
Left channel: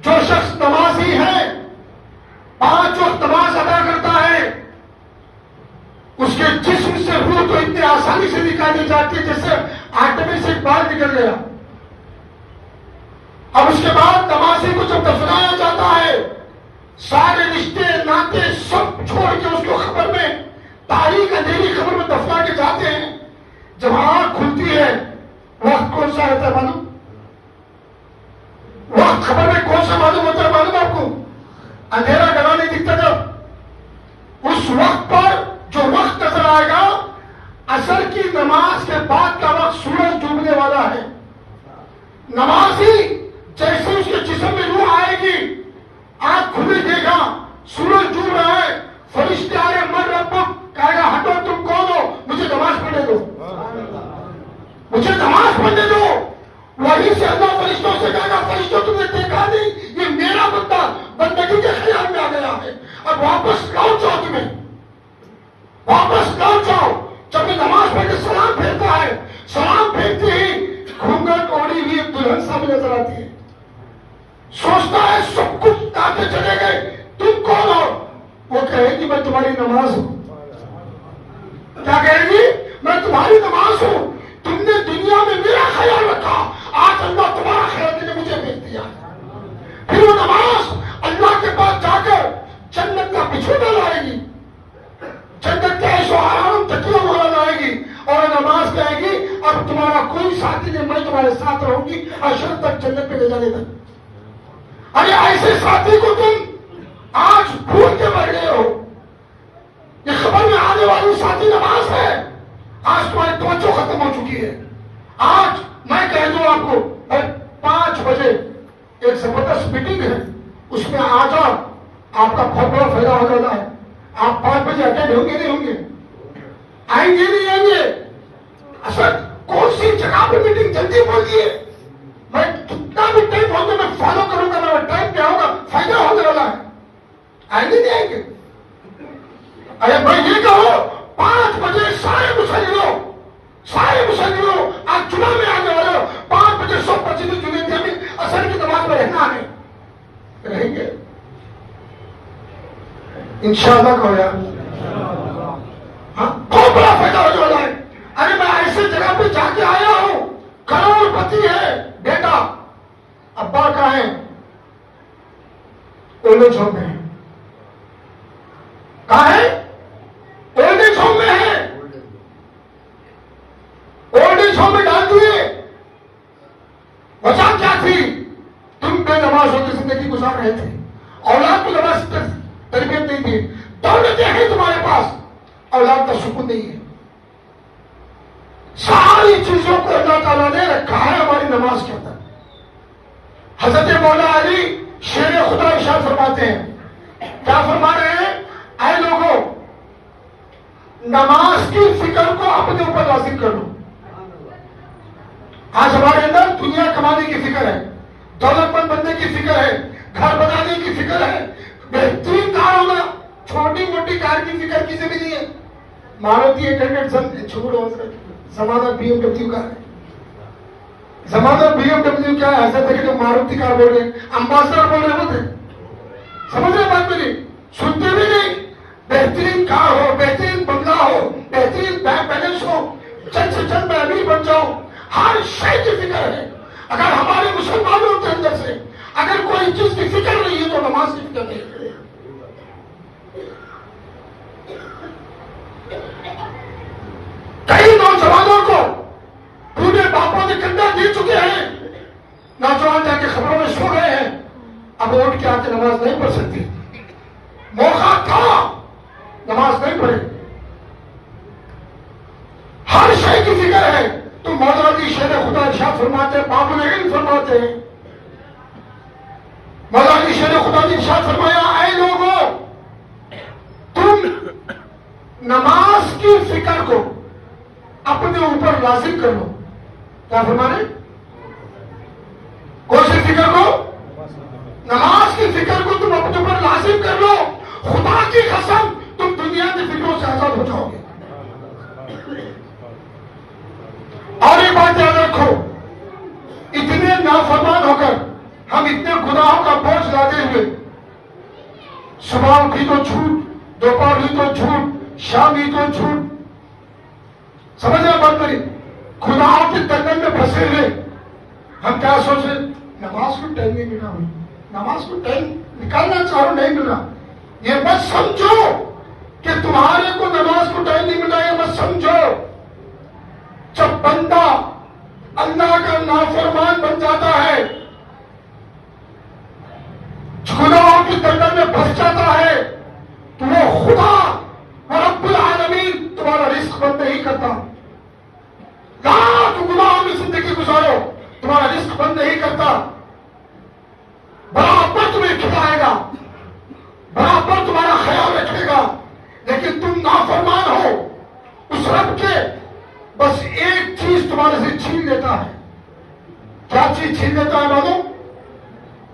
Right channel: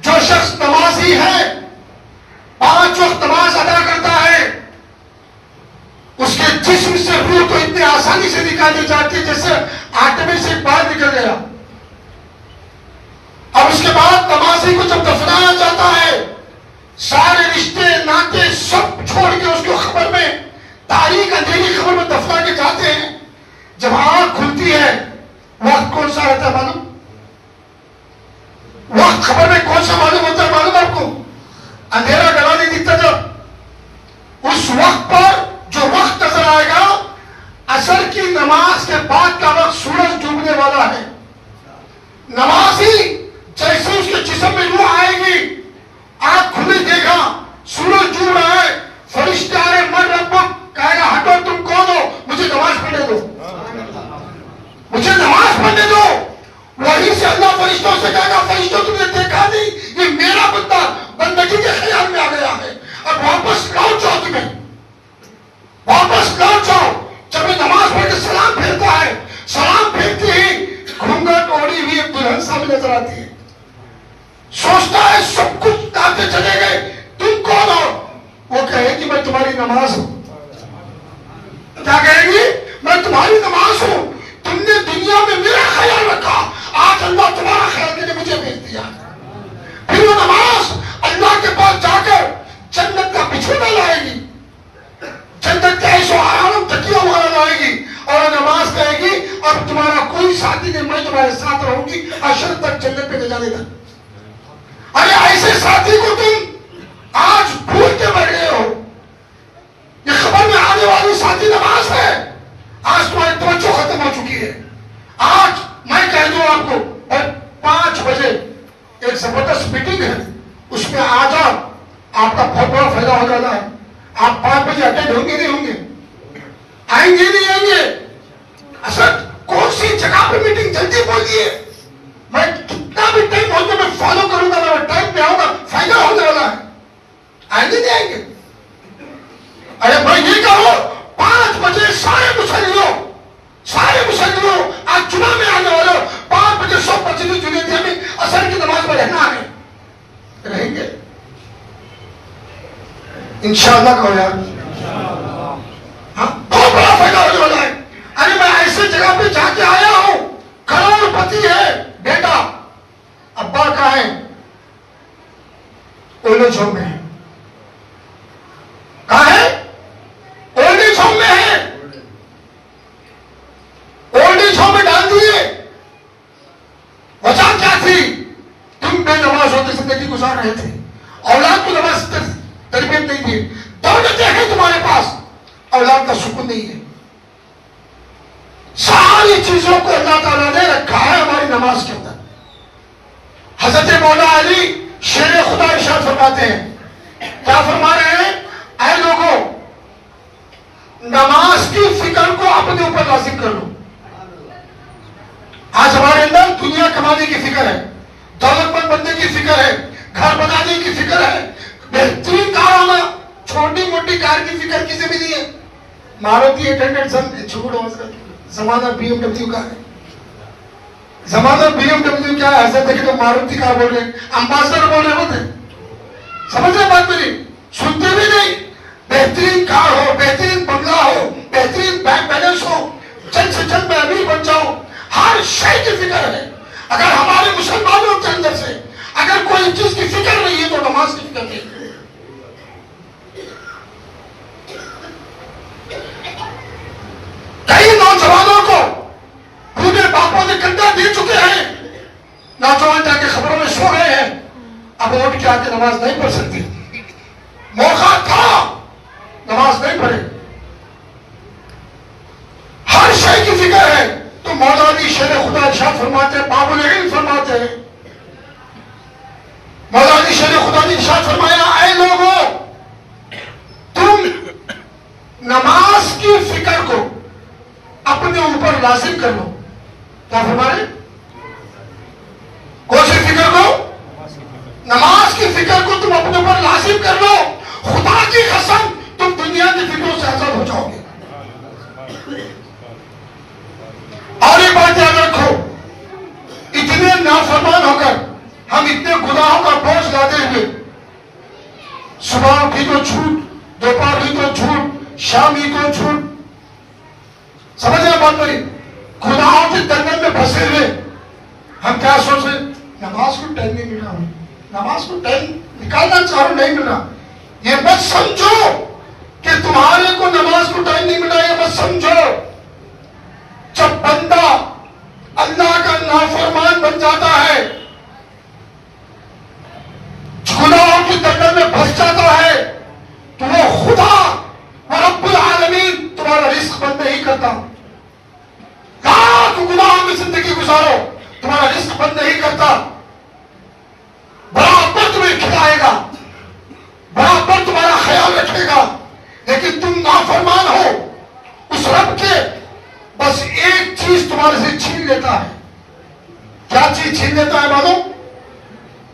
جو شخص نمازی ہے 5 وقت نماز ادا کرتا ہے اس کے جسم سے روح تو اتنے آسانی سے نکالی جاتی ہے جیسے آٹے میں سے باہر نکل گیا اب اس کے بعد نمازی کو جب دفنایا جاتا ہے سارے رشتے ناطے سب چھوڑ کے اس کو خبر میں تاریخ اندھیری خبر میں دفنا کے جاتے ہیں جب آنکھ کھلتی ہے وقت کون سا رہتا ہے معلوم وقت خبر میں کون سا معلوم ہوتا ہے معلوم آپ کو اندھیرا گلا نہیں دکھتا جب اس وقت پر جو وقت نظر آئے گا عصر کی نماز کے بعد کا وقت سورج ڈوبنے والا ہے نمازی جیسے اس کے جسم میں روح آئے گی آنکھ کھلی دیکھا سورج ڈوب رہا ہے فرشتے آ رہے من رب کہے گا ہٹو تم کون ہو مجھے نماز پڑھنے دو مجھے نماز پڑھنے دو وہیں سے اللہ فرشتوں سے کہے گا فرشتوں تم نے دیکھا نہیں یہ میرا بندہ بندگی کے خیال میں آ گیا ہے اب واپس لوٹ جاؤ تمہیں واپس لوٹ جاؤ جب یہ نماز پڑھ کے سلام پھیرتا ہے سلام پھیرتے ہی گھونگھٹ اوڑھی ہوئی ایک دلہن سامنے نظر آتی ہے سوچتا ہے سب کچھ آتے چلے گئے تم کون ہو وہ کہے گی میں تمہاری نماز ہوں کیا کہے گی میں تمہاری نماز ہوں تم نے دنیا میں میرا خیال رکھا آج اللہ تمہارا خیال کے لیے مجھے بھیج دیا میں تمہارے ساتھ رہوں گی عشر تک، جنت پہ لے جانے تک۔ ارے ایسے ساتھی کو تم آج بھول کے مر گئے ہو۔ یہ خبر میں آنے والی ساتھی نماز ہے، آج تمہاری توجہ ختم ہو چکی ہے۔ آج میں کہہ دوں آپ کو 5 بجے ایک زبردست میٹنگ ہے، اس میں آ جاؤ، آپ کا بہت بڑا فائدہ ہو جانا ہے۔ آپ 5 بجے اٹینڈ ہوں گے نہیں ہوں گے؟ آئیں گے نہیں آئیں گے؟ اصل کون سی جگہ پہ میٹنگ جلدی بولیے، میں کتنا بھی ٹائم ہوگا میں فالو کروں گا، میں ٹائم پہ آؤں گا، فائدہ ہونے والا ہے۔ آئیں گے نہیں آئیں گے؟ ارے میں یہ کہوں 5 بجے سارے مسلمانوں آج جمعہ میں آنے والے 5 بجے 100 مسجد جنیدیہ میں عصر کی نماز میں رہنا ہے، رہیں گے انشاءاللہ کہو یار، ہاں بہت بڑا فائدہ ہونے والا ہے۔ ارے میں ایسے جگہ پہ جا کے آیا ہوں، کروڑ پتی ہے بیٹا، ابا کہاں ہے؟ اولڈ ایج ہوم میں ہے۔ کہاں ہے؟ اولڈ ایج ہوم میں ہے، اولڈ ایج ہوم میں ڈال دیے۔ وجہ کیا تھی؟ تم بے نماز ہوتے زندگی گزار رہے تھے، اولاد کو نماز تربیت نہیں دی، دولتیں ہیں تمہارے پاس، اولاد کا سکون نہیں ہے۔ ساری چیزوں کو اللہ تعالیٰ نے رکھا ہے ہماری نماز کے اندر۔ حضرت مولا علی شیر خدا ارشاد فرماتے ہیں، کیا فرما رہے ہیں؟ اے لوگوں، نماز کی فکر کو اپنے اوپر لازم کر لو۔ آج ہمارے اندر دنیا کمانے کی فکر ہے، دولت مند بننے کی فکر ہے، گھر بنانے کی فکر ہے، بہترین کار ہونا، چھوٹی موٹی کار کی فکر کسی بھی نہیں ہے۔ ماروتی 800 چھوڑو، زمانہ بی ایم ڈبلیو کا ہے، زمانہ بی ایم ڈبلیو کیا ہے؟ ایسا دیکھے تو ماروتی کار بول رہے، امباسڈر بول رہے ہوتے، سمجھ رہے بات میری؟ سنتے بھی نہیں۔ بہترین کار ہو، بہترین بنگلہ ہو، بہترین بینک بیلنس ہو، چند سے چند میں امیر بن جاؤ، ہر شے کی فکر ہے۔ اگر ہمارے مسلمانوں کے اندر سے اگر کوئی چیز کی فکر نہیں ہے تو نماز کی فکر نہیں ہے۔ کئی نوجوانوں کو بوڑھے باپوں نے کنڈا دے چکے ہیں، نوجوان جا کے خبروں میں سو رہے ہیں، اب اٹھ کے آ کے نماز نہیں پڑھ سکتے۔ موقع تھا، نماز نہیں پڑھے، ہر شے کی فکر ہے۔ تو مولا علی شیر خدا ارشاد فرماتے ہیں، باب العلم فرماتے ہیں، مولا علی شیر خدا نے ارشاد فرمایا، اے لوگوں، تم نماز کی فکر کو اپنے اوپر لازم کر لو۔ کیا فرما رہے؟ کون سی فکر کو؟ نماز کی فکر کو تم اپنے اوپر لازم کر لو، خدا کی قسم تم دنیا کی فکروں سے آزاد ہو جاؤ گے۔ اور ایک بات یاد رکھو، اتنے نافرمان ہو کر ہم اتنے گناہوں کا بوجھ لاتے ہوئے، صبح بھی تو جھوٹ، دوپہر بھی تو جھوٹ، شام بھی تو جھوٹ، سمجھ رہے بات میری؟ گناہوں کے درمیان میں پھنسے ہوئے ہم کیا سوچ رہے؟ نماز کو ٹائم نہیں مل رہا، نماز کو ٹائم نکالنا چاہ رہا نہیں مل رہا۔ یہ مت سمجھو کہ تمہارے کو نماز کو ٹائم نہیں مل رہا، یہ مت سمجھو۔ جب بندہ اللہ کا نافرمان بن جاتا ہے، گناہوں کی درمیان میں پھنس جاتا ہے، تو وہ خدا رب العالمین تمہارا رزق بند نہیں کرتا۔ لاکھ گناہوں میں زندگی گزارو، تمہارا رزق بند نہیں کرتا، برابر تمہیں کھلائے گا، برابر تمہارا خیال رکھے گا۔ لیکن تم نافرمان ہو اس رب کے، بس ایک چیز تمہارے سے چھین لیتا ہے۔ کیا چیز چھین لیتا ہے معلوم؟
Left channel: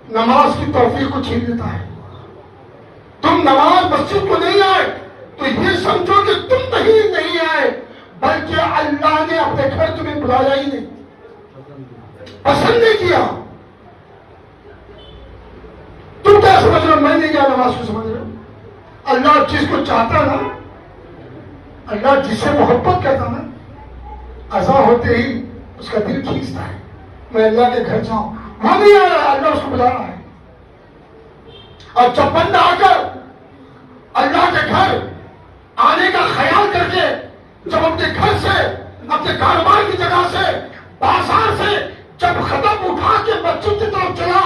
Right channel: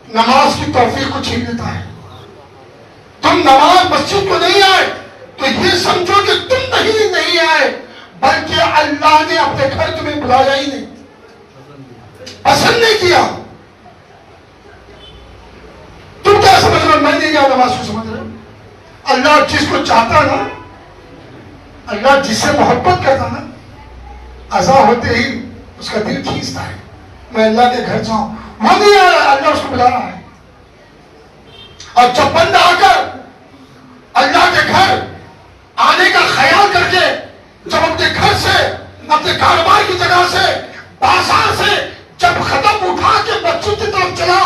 نماز کی توفیق کو چھین لیتا ہے۔ تم نماز مسجد کو نہیں آئے تو یہ سمجھو کہ تم نہیں آئے، بلکہ اللہ نے اپنے گھر تمہیں بلایا ہی نہیں، پسند نہیں کیا۔ تم کیا سمجھ رہے؟ میں نہیں گیا نماز کو، سمجھ رہے؟ اللہ جس کو چاہتا نا، اللہ جس سے محبت کرتا نا، عزا ہوتے ہی اس کا دل کھینچتا ہے میں اللہ کے گھر جاؤں۔ وہ نہیں آیا، اللہ اس کو بلا رہا ہے۔ اور جب بندہ آ کر اللہ کے گھر آنے کا خیال کر کے جب اپنے گھر سے، اپنے کاروبار کی جگہ سے بازار سے جب قدم اٹھا کے مسجد کی طرف چلا،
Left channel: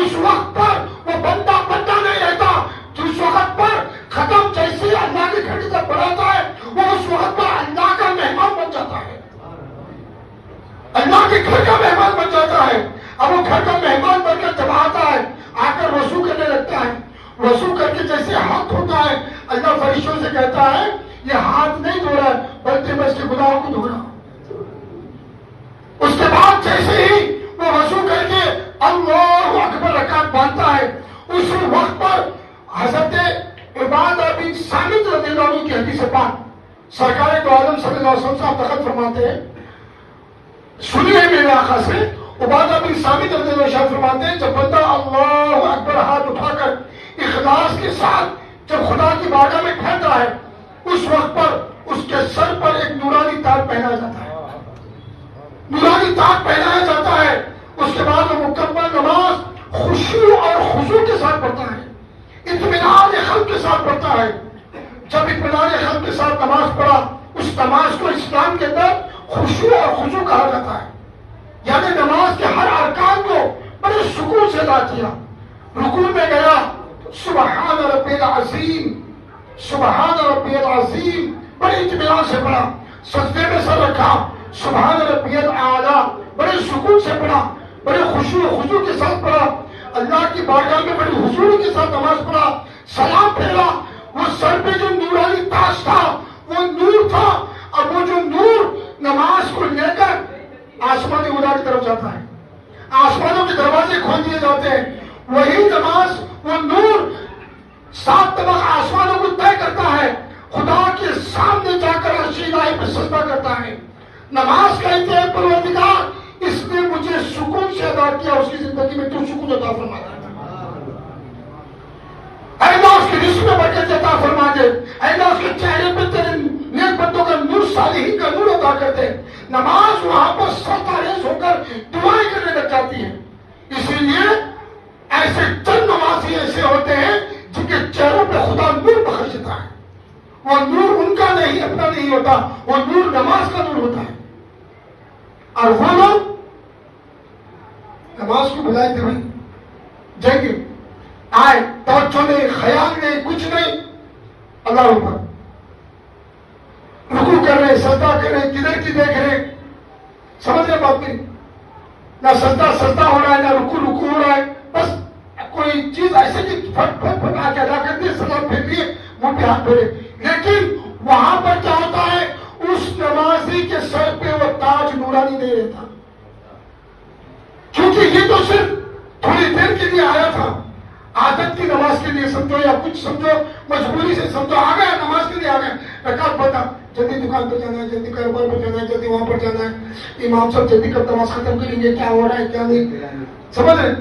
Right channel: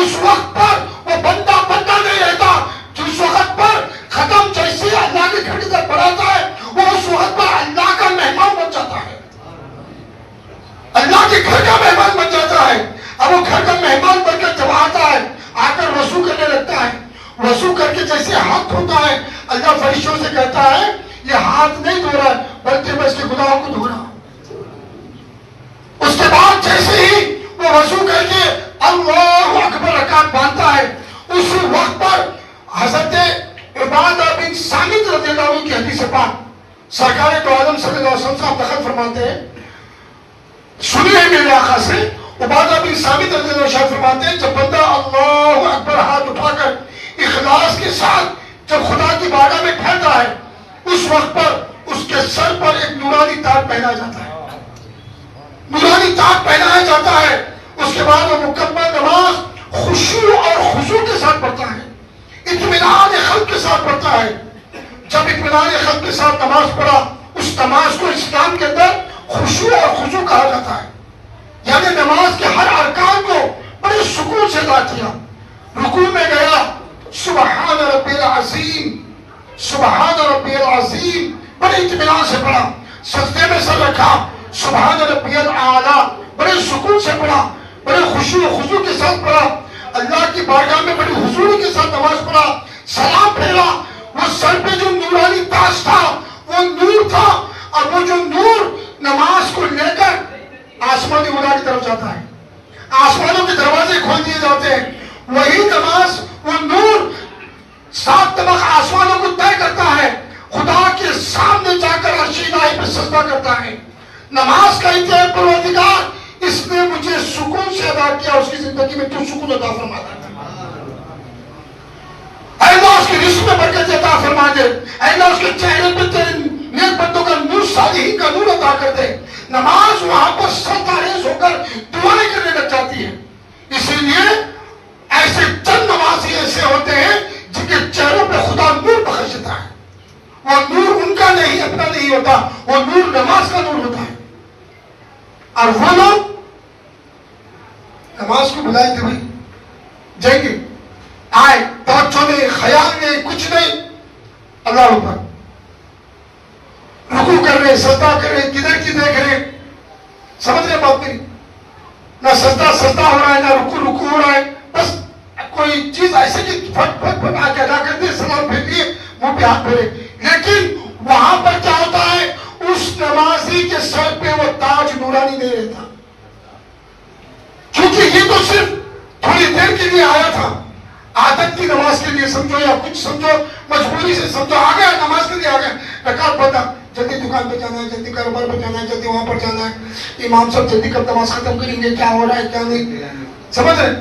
اس وقت پر وہ بندہ نہیں رہتا، جس وقت پر قدم جیسے اللہ کے گھر کی طرف بڑھاتا ہے وہ اس وقت پر اللہ کا مہمان بن جاتا ہے، اللہ کے گھر کا مہمان بن جاتا ہے۔ اب وہ گھر کا مہمان بن کر جب آتا ہے، آ کر وضو کرنے لگتا ہے، وضو کر کے جیسے ہاتھ دھوتا ہے، اللہ فرشتوں سے کہتا ہے یہ ہاتھ نہیں دھو رہا ہے بلکہ میں اس کے گناہوں کو دھو رہا ہوں۔ اس کے بعد جیسے ہی وہ وضو کر کے اللہ اکبر رکعت باندھتا ہے، اس وقت پر حضرت عبادہ بن صامت رضی اللہ عنہ کی حدیث پاک سرکار دو عالم صلی اللہ علیہ وسلم صاحب دخل فرماتے ہیں، سنیے میرے آقا سے، عبادہ بن صامت رضی اللہ عنہ فرماتے ہیں جب بندہ اللہ اکبر ہاتھ اٹھا کر اخلاص کے ساتھ جب خدا کی بارگاہ میں کھڑتا ہے، اس وقت پر اس کے سر پر ایک نورانی تاج پہنا جاتا ہے، نورانی تاج پہنایا جاتا ہے۔ اس کے بعد وہ مکمل نماز خشوع اور خضوع کے ساتھ پڑھتا ہے، اطمینان قلب کے ساتھ پڑھتا ہے۔ جب اطمینان قلب کے ساتھ نماز پڑھا، اس نماز کو اسلام کے اندر خشوع اور خضوع کہا جاتا ہے، یعنی نماز کے ہر ارکان کو بڑے سکون سے ادا کیا۔ رکوع میں گیا، سبحان ربی العظیم، سبحان ربی العظیم، بڑے اطمینان سے پڑھا۔ سجدے میں سر رکھا، سبحان ربی الاعلیٰ، بڑے سکون سے پڑھا، بڑے خشوع و خضوع کے ساتھ پڑھا، اللہ کی بارگاہ میں بڑی حضوری کے ساتھ نماز پڑھا، سلام پھیرا۔ وہ سر پہ جو نورانی تاج تھا وہ نور تھا، اور وہ جو نور نماز کو لے کر آسمانی خدا کی طرف جاتا ہے، آسمانوں کے دروازے کھول دیے جاتے ہیں۔ وہی نماز، وہ نور 7 طبق آسمانوں کو طے کرتا ہے، خدا کے سامنے جا کر عرش الہی پہ سجدہ کرتا ہے۔ نماز کا انتہائی پروردگار، اس نے مجھے سکون سے ادا کیا، اس کی زندگی میں تو سکون عطا فرما دے۔ اے اللہ اس کی رزق میں برکت عطا فرما دے، اے اللہ اس کے چہرے پہ تیرے نیک بندوں کا نور، صالحین کا نور عطا کر دے۔ نماز وہاں پر سرتاریز ہو کر دعائیں کرنے لگ جاتی ہے۔ اسی لیے ایسے چند نمازی ایسے ہوتے ہیں جن کے چہروں پہ خدا نور بخشتا ہے، وہ نور ان کا نہیں، اپنا نہیں ہوتا، وہ نور نماز کا نور ہوتا ہے۔ اور وہ لوگ نماز کو بلائے تھے، بھائی جائیں گے، آئے، توجہ نہیں، خیال نہیں، کچھ نہیں، اللہ اوپر رکوع کر رہے، سجدہ کر رہے، کدھر کی دیکھ رہے، سمجھ رہے بات میری؟ نہ سجدہ ہو رہا ہے، نہ رکوع ہو رہا ہے، بس کوئی چیز ایسے کہ پھٹ پھٹ پھٹ آ کے ادا کر دے، سلام پھیر لیے، منہ پہ ہاتھ پھیرے۔ لیکن وہاں پر کیا ہوتا ہے، اس نمازی کے سر پہ وہ تاج نورانی نہیں رہتا، کیونکہ یہ تو صرف تھوڑی دیر کے لیے آیا تھا، عادت کی نماز کے لیے سمجھو یا کچھ سمجھو، مجبوری سے سمجھو، آ گیا نماز کے لیے آ گیا، رکعت پڑھا، جلدی دکان پہ جانا ہے، جلدی کاروبار پہ جانا ہے، جلدی وہاں پر جانا ہے، امام صاحب جلدی کب نماز ختم کریں گے، کیا ہو رہا ہے کیا نہیں، سمجھ رہے؟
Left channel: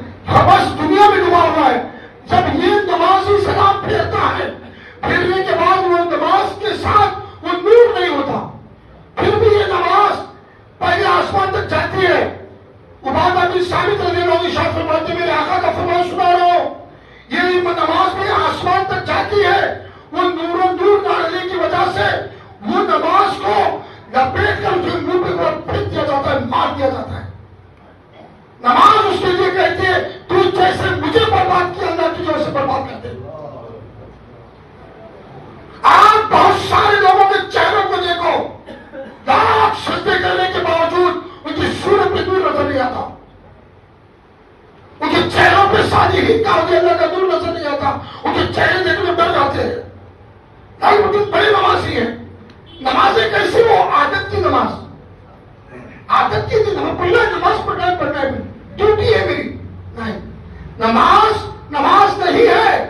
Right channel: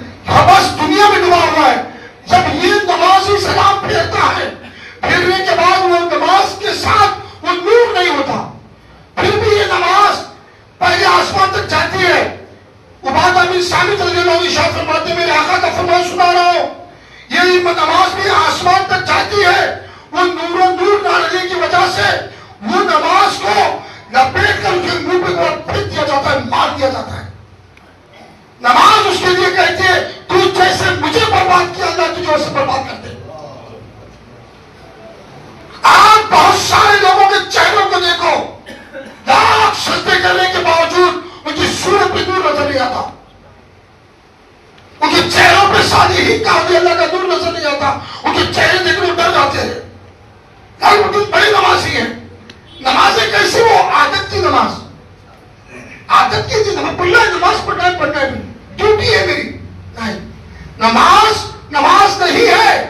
بس دنیا میں ڈوبا ہوا ہے۔ جب یہ نمازی سلام پھیرتا ہے، پھیرنے کے بعد وہ نماز کے ساتھ وہ نور نہیں ہوتا، پھر بھی یہ نماز پہلے آسمان تک جاتی ہے۔ عبادہ بن صامت رضی اللہ عنہ ارشاد فرماتے ہیں، میرے آقا کا فرمان سنا رہا ہوں، یہ نماز بھی آسمان تک جاتی ہے، وہ نور و نور ڈالنے کی وجہ سے وہ نماز کو لپیٹ کر کے منہ پہ پھینک دیا جاتا ہے، مار دیا جاتا ہے۔ نماز اس کے لیے کہتی ہے تو جیسے مجھے برباد کیا، اللہ تجھے اسے برباد کر دے۔ آج بہت سارے لوگوں کے چہروں کو دیکھو، لاکھ سجدے کرنے کے باوجود ان کی صورت پہ نور نظر نہیں آتا، ان کے چہروں پہ صالحین کا اللہ کا نور نظر نہیں آتا، ان کے چہرے دیکھ کر ڈر جاتے ہیں۔ بڑے نمازی ہیں، نمازیں کیسی؟ وہ عادت کی نماز، عادت کی تھی، نماز پڑھنا ہے، نماز پڑھنا ہے، ڈیوٹی ہے میری، نہیں، نماز نہیں ہے۔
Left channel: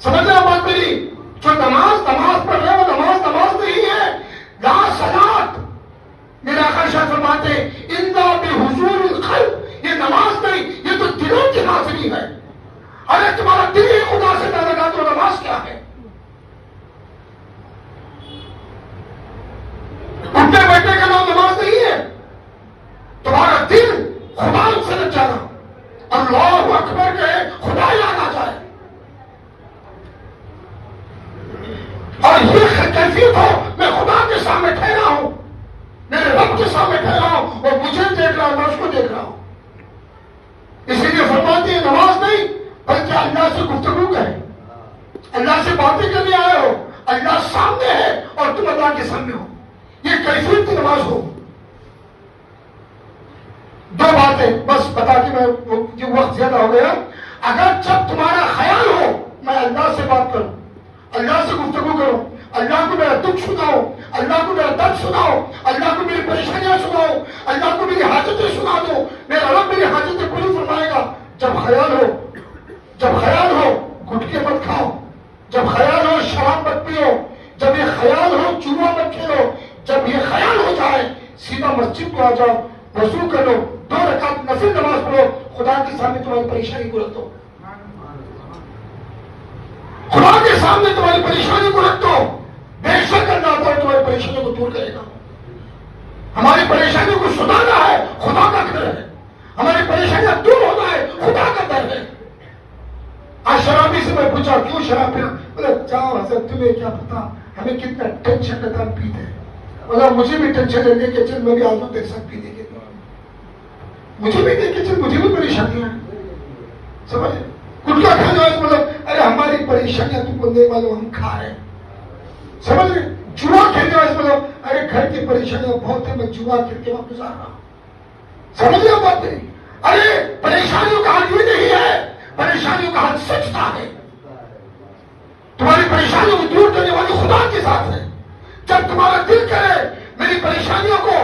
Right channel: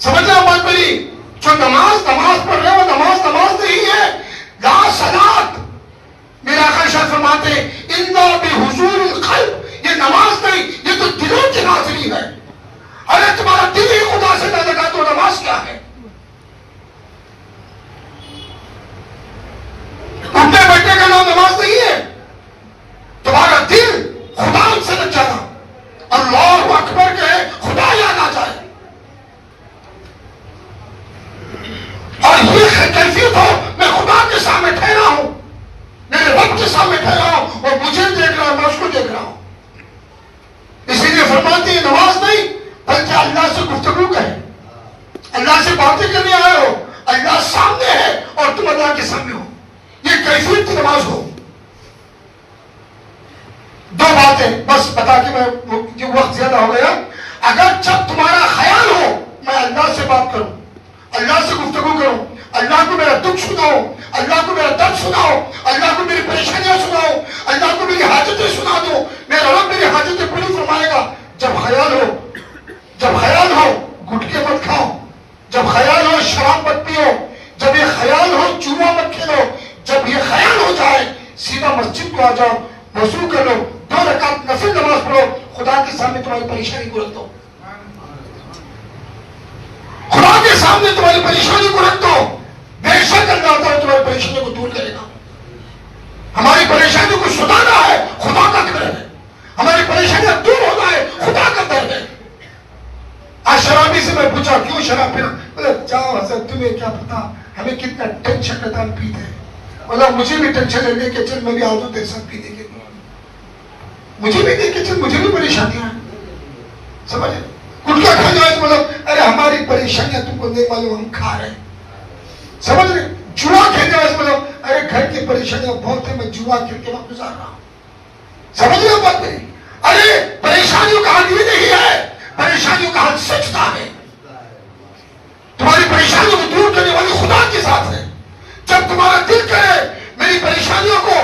سمجھ رہے بات میری؟ جو نماز پڑھ رہے وہ نماز نہیں ہے، لا صلاۃ۔ میرے آقا ارشاد فرماتے ہیں الا بحضور القلب، یہ نماز نہیں، یہ تو دلوں کی حاضری ہے۔ ارے تمہارا دل ہی خدا سے نہ لگا تو نماز کیا ہے؟ اٹھنے بیٹھنے کا نام نماز نہیں ہے، تمہارا دل خدا سے لگ جانا، اللہ اکبر کہے، خدا یاد آ جائے، اور یہ کیفیت ہو، میں خدا کے سامنے ٹھہرا ہوں، میرے رب کے سامنے ٹھہرا اللہ سے باتیں کرنے آئے ہو، اللہ سامنے ہے اور تم اللہ کے سامنے ہو، یہ کیفیت کی نماز ہو۔ دو باتیں بس بتا کے میں یہ وقت زیادہ ہو گیا۔ اگر جب تمہارا خیال ہو میں اللہ سے بات کروں، اللہ سے گفتگو کروں، اللہ کو میرا دکھ سناؤ، اللہ کو میرا درد سناؤ، اللہ کو میری پریشانیاں سناؤ، اللہ کو میری حاجتیں سنا دو، میرا رب میری حاجتیں پوری فرمائے گا۔ جب خیال ہو، جب خیال ہو گٹکے مت کھاؤ، جب خیال ہو شراب مت پیو، جب یہ خیال ہو جوا مت کھیلو، جب یہ خیال ہو جائے سیدھا مسجد کو آ جاؤ، وضو کر لو، 2 رکعت نفل نماز پڑھو، خدا کے سامنے تمہاری پریشانی کو رکھ دو، خدا کے سامنے تمہاری پریشانی کو رکھ دو، بے شک اللہ تعالیٰ تمہاری پریشانی کو دور کرے گا۔ ہماری پریشانی کو سنانا ہے، خدا کا گھر ہے، ہماری پریشانیاں دور ہونا ہے، خدا کا گھر ہے۔ آج شرابی سے میں پوچھا کیوں شراب پینا، بولے جاؤ حضرت تمہیں کیا پتا ہمیں کتنا ٹینشن رہتا ہم پیتے ہیں۔ بولا مجھے بھی ٹینشن رہنے کے چل میں بھی آدھوں تیرے ساتھ پینے کے، مجھے بھی دیکھ کے چل مجھے بھی پریشانیاں ہیں، سمجھے؟ گٹکا کھا جائے بولو ارے ہماری پریشانیاں تم کو نہیں معلوم ہم کھا رہے ہیں، سمجھ رہے؟ جوا کھیل جائے بولو ارے گھر کی پریشانیاں بہت ہیں میں جوا کھیل کے وقت گزار رہا ہوں، سمجھ رہے بات نہیں؟ ارے پریشانیوں کا حل یہ نہیں ہے، پریشانیوں کا حل سچتا ہے۔ تمہاری پریشانیوں کو دور کرنے والی خدا کے ساتھ ہے۔ جب تمہارا دل کرے میری پریشانیوں کو،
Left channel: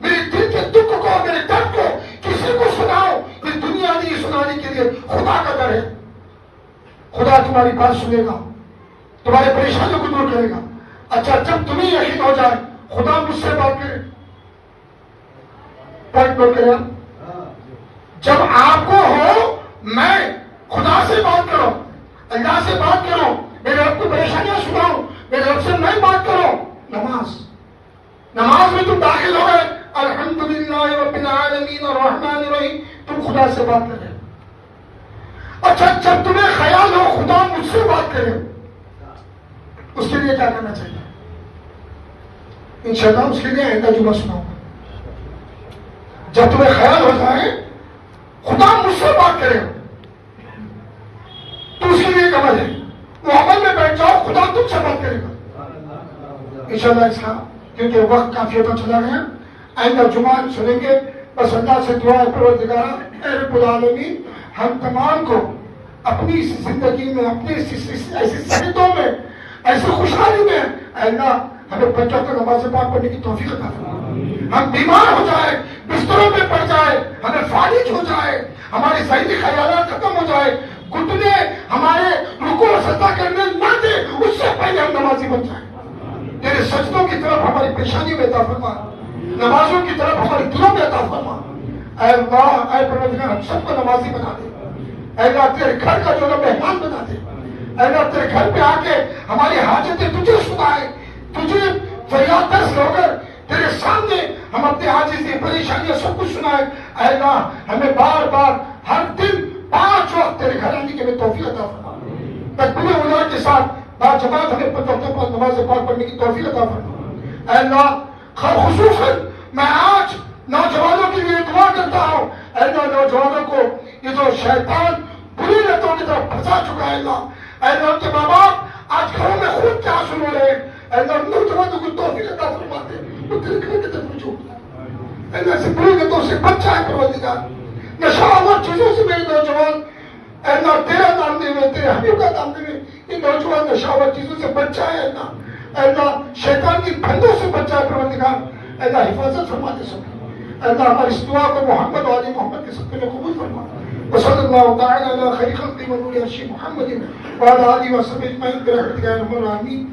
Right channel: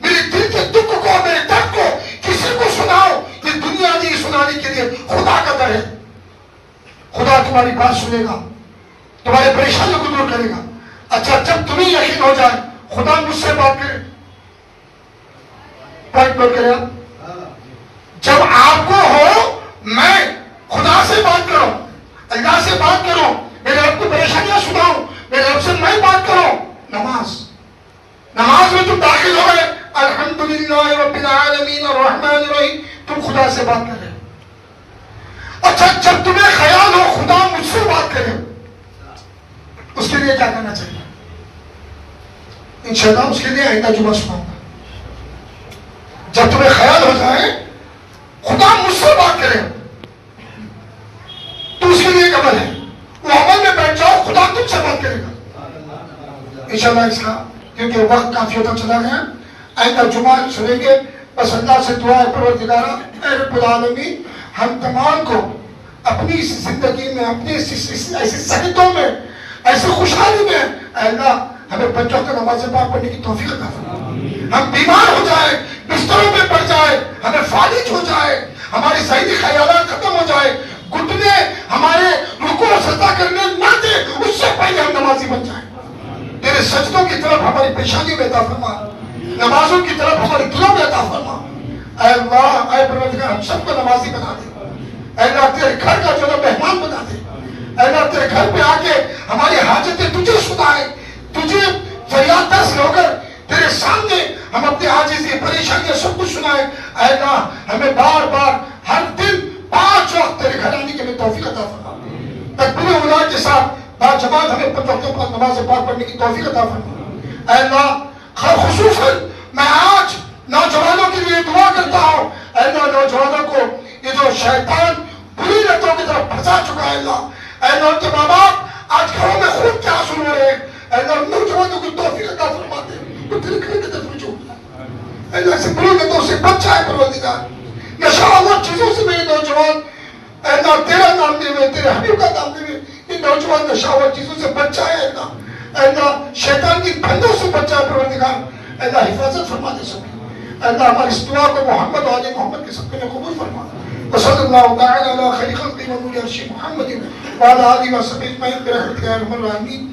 میری دل کے دکھ کو، میرے درد کو کسی کو سناؤ، یہ دنیا نہیں سنانے کے لیے خدا کا در ہے۔ خدا تمہاری بات سنے گا، تمہاری پریشانیوں کو دور کرے گا۔ اچھا جب تمہیں یقین ہو جائے خدا مجھ سے بات کرے، بات کرے، جب آپ کو ہو میں خدا سے بات کروں، اللہ سے بات کروں، میرے رب کو پریشانیاں سناؤں، میرے رب سے میں بات کروں، نماز میں تم داخل ہو گئے الحمدللہ رب العالمین الرحمن الرحیم، تم خدا سے بات کر رہے ہو۔ اچھا جب تمہیں خیال ہو خدا مجھ سے بات کرے، اس کے لیے کیا کرنا چاہیے؟ انشاءاللہ اس کے لیے آئندہ جمعہ سناؤں گا۔ جب تمہیں خیال ہو جائے خدا مجھ سے بات کرے تو اس کے لیے ایک عمل ہے، وہ عمل میں بیٹھ جاؤ، خدا تم سے بات کرے گا انشاءاللہ۔ اس کا کیونکہ وقت کافی ہوتا چلا گیا، آئندہ جمعہ سنیں گے۔ بس اللہ سے دعا ہے پروردگارہ اے رب العالمین ہم تمام کو اپنی اس زندگی میں، اپنی ایسی صحتوں میں، ایسی خوشحالی میں اے اللہ ہمیں 5 وقت نماز پاک پڑھنے کی توفیق عطا فرما۔ ہم بیمار ہو جائے، بستروں پہ پڑ جائے، ہمیں فالج ہو جائے، ہماری ذہنی خیالات ختم ہو جائے، گھٹنے ہمارے رکوع اور سجدہ کرنے نہ دے، اس سے پہلے ہم نمازی بن جائیں۔ تیرے سجدوں کی طرف ہماری پیشانی میں عطا فرما، نمازوں کی طرف ہمارے دلوں میں عطا فرما۔ اے اللہ اے پروردگار ہم سب کو نمازی بنا دے، اے اللہ تیرے گھر کا جو مہمان بنا دے، اے اللہ تیرے گھر پہ آ کے ہماری حاجتیں تجھے سنائے، تجھے فریاد دست ہو کر تیرے سامنے ہم اپنے عاجزی پریشانیاں سب کچھ سنائے۔ اے اللہ ہمیں بار بار ہر دن 5 وقت تیرے گھر آنے کے لیے توفیق عطا فرما۔ تکبیر اولا کے ساتھ باجماعت ہمیں 5 وقتوں پر نماز پاک پڑھنے کی توفیق عطا فرما۔ اے اللہ خصوصاً میں آج نوجوانوں کے لیے دعا کرتا ہوں، اے اللہ نوجوانوں کو یہ جو شیطان بری لتوں کی طرف پھنسا چکا ہے، اللہ اے اللہ ان کے ماں باپ آج گھروں میں خون کے آنسو رو رہے ہیں، اے اللہ نوجوانوں کو توفیق عطا فرما دے، وہ تیرے گھر کی طرف رجوع اے اللہ سے بری لتوں سے بچ جائے پروردگار، نشہ آور چیزوں سے میرے نوجوان اے اللہ تیرا نام دے ہوئے، تیرے حبیب کا نام دے ہوئے ان نوجوان نشہ آور چیزوں سے بچ جائے، اے اللہ شیطان کی پھندوں سے بچ جائے پروردگار، اے اللہ حفاظت فرما دے سب، اے اللہ ہماری اس دعا کو محمد و آل محمد کے سب میں قبول فرما۔ وصلی اللہ تعالی علی خیر خلق ونور عرش محمد وعلی آلہ وصحبہ اجمعین برحمتک یا ارحم الراحمین۔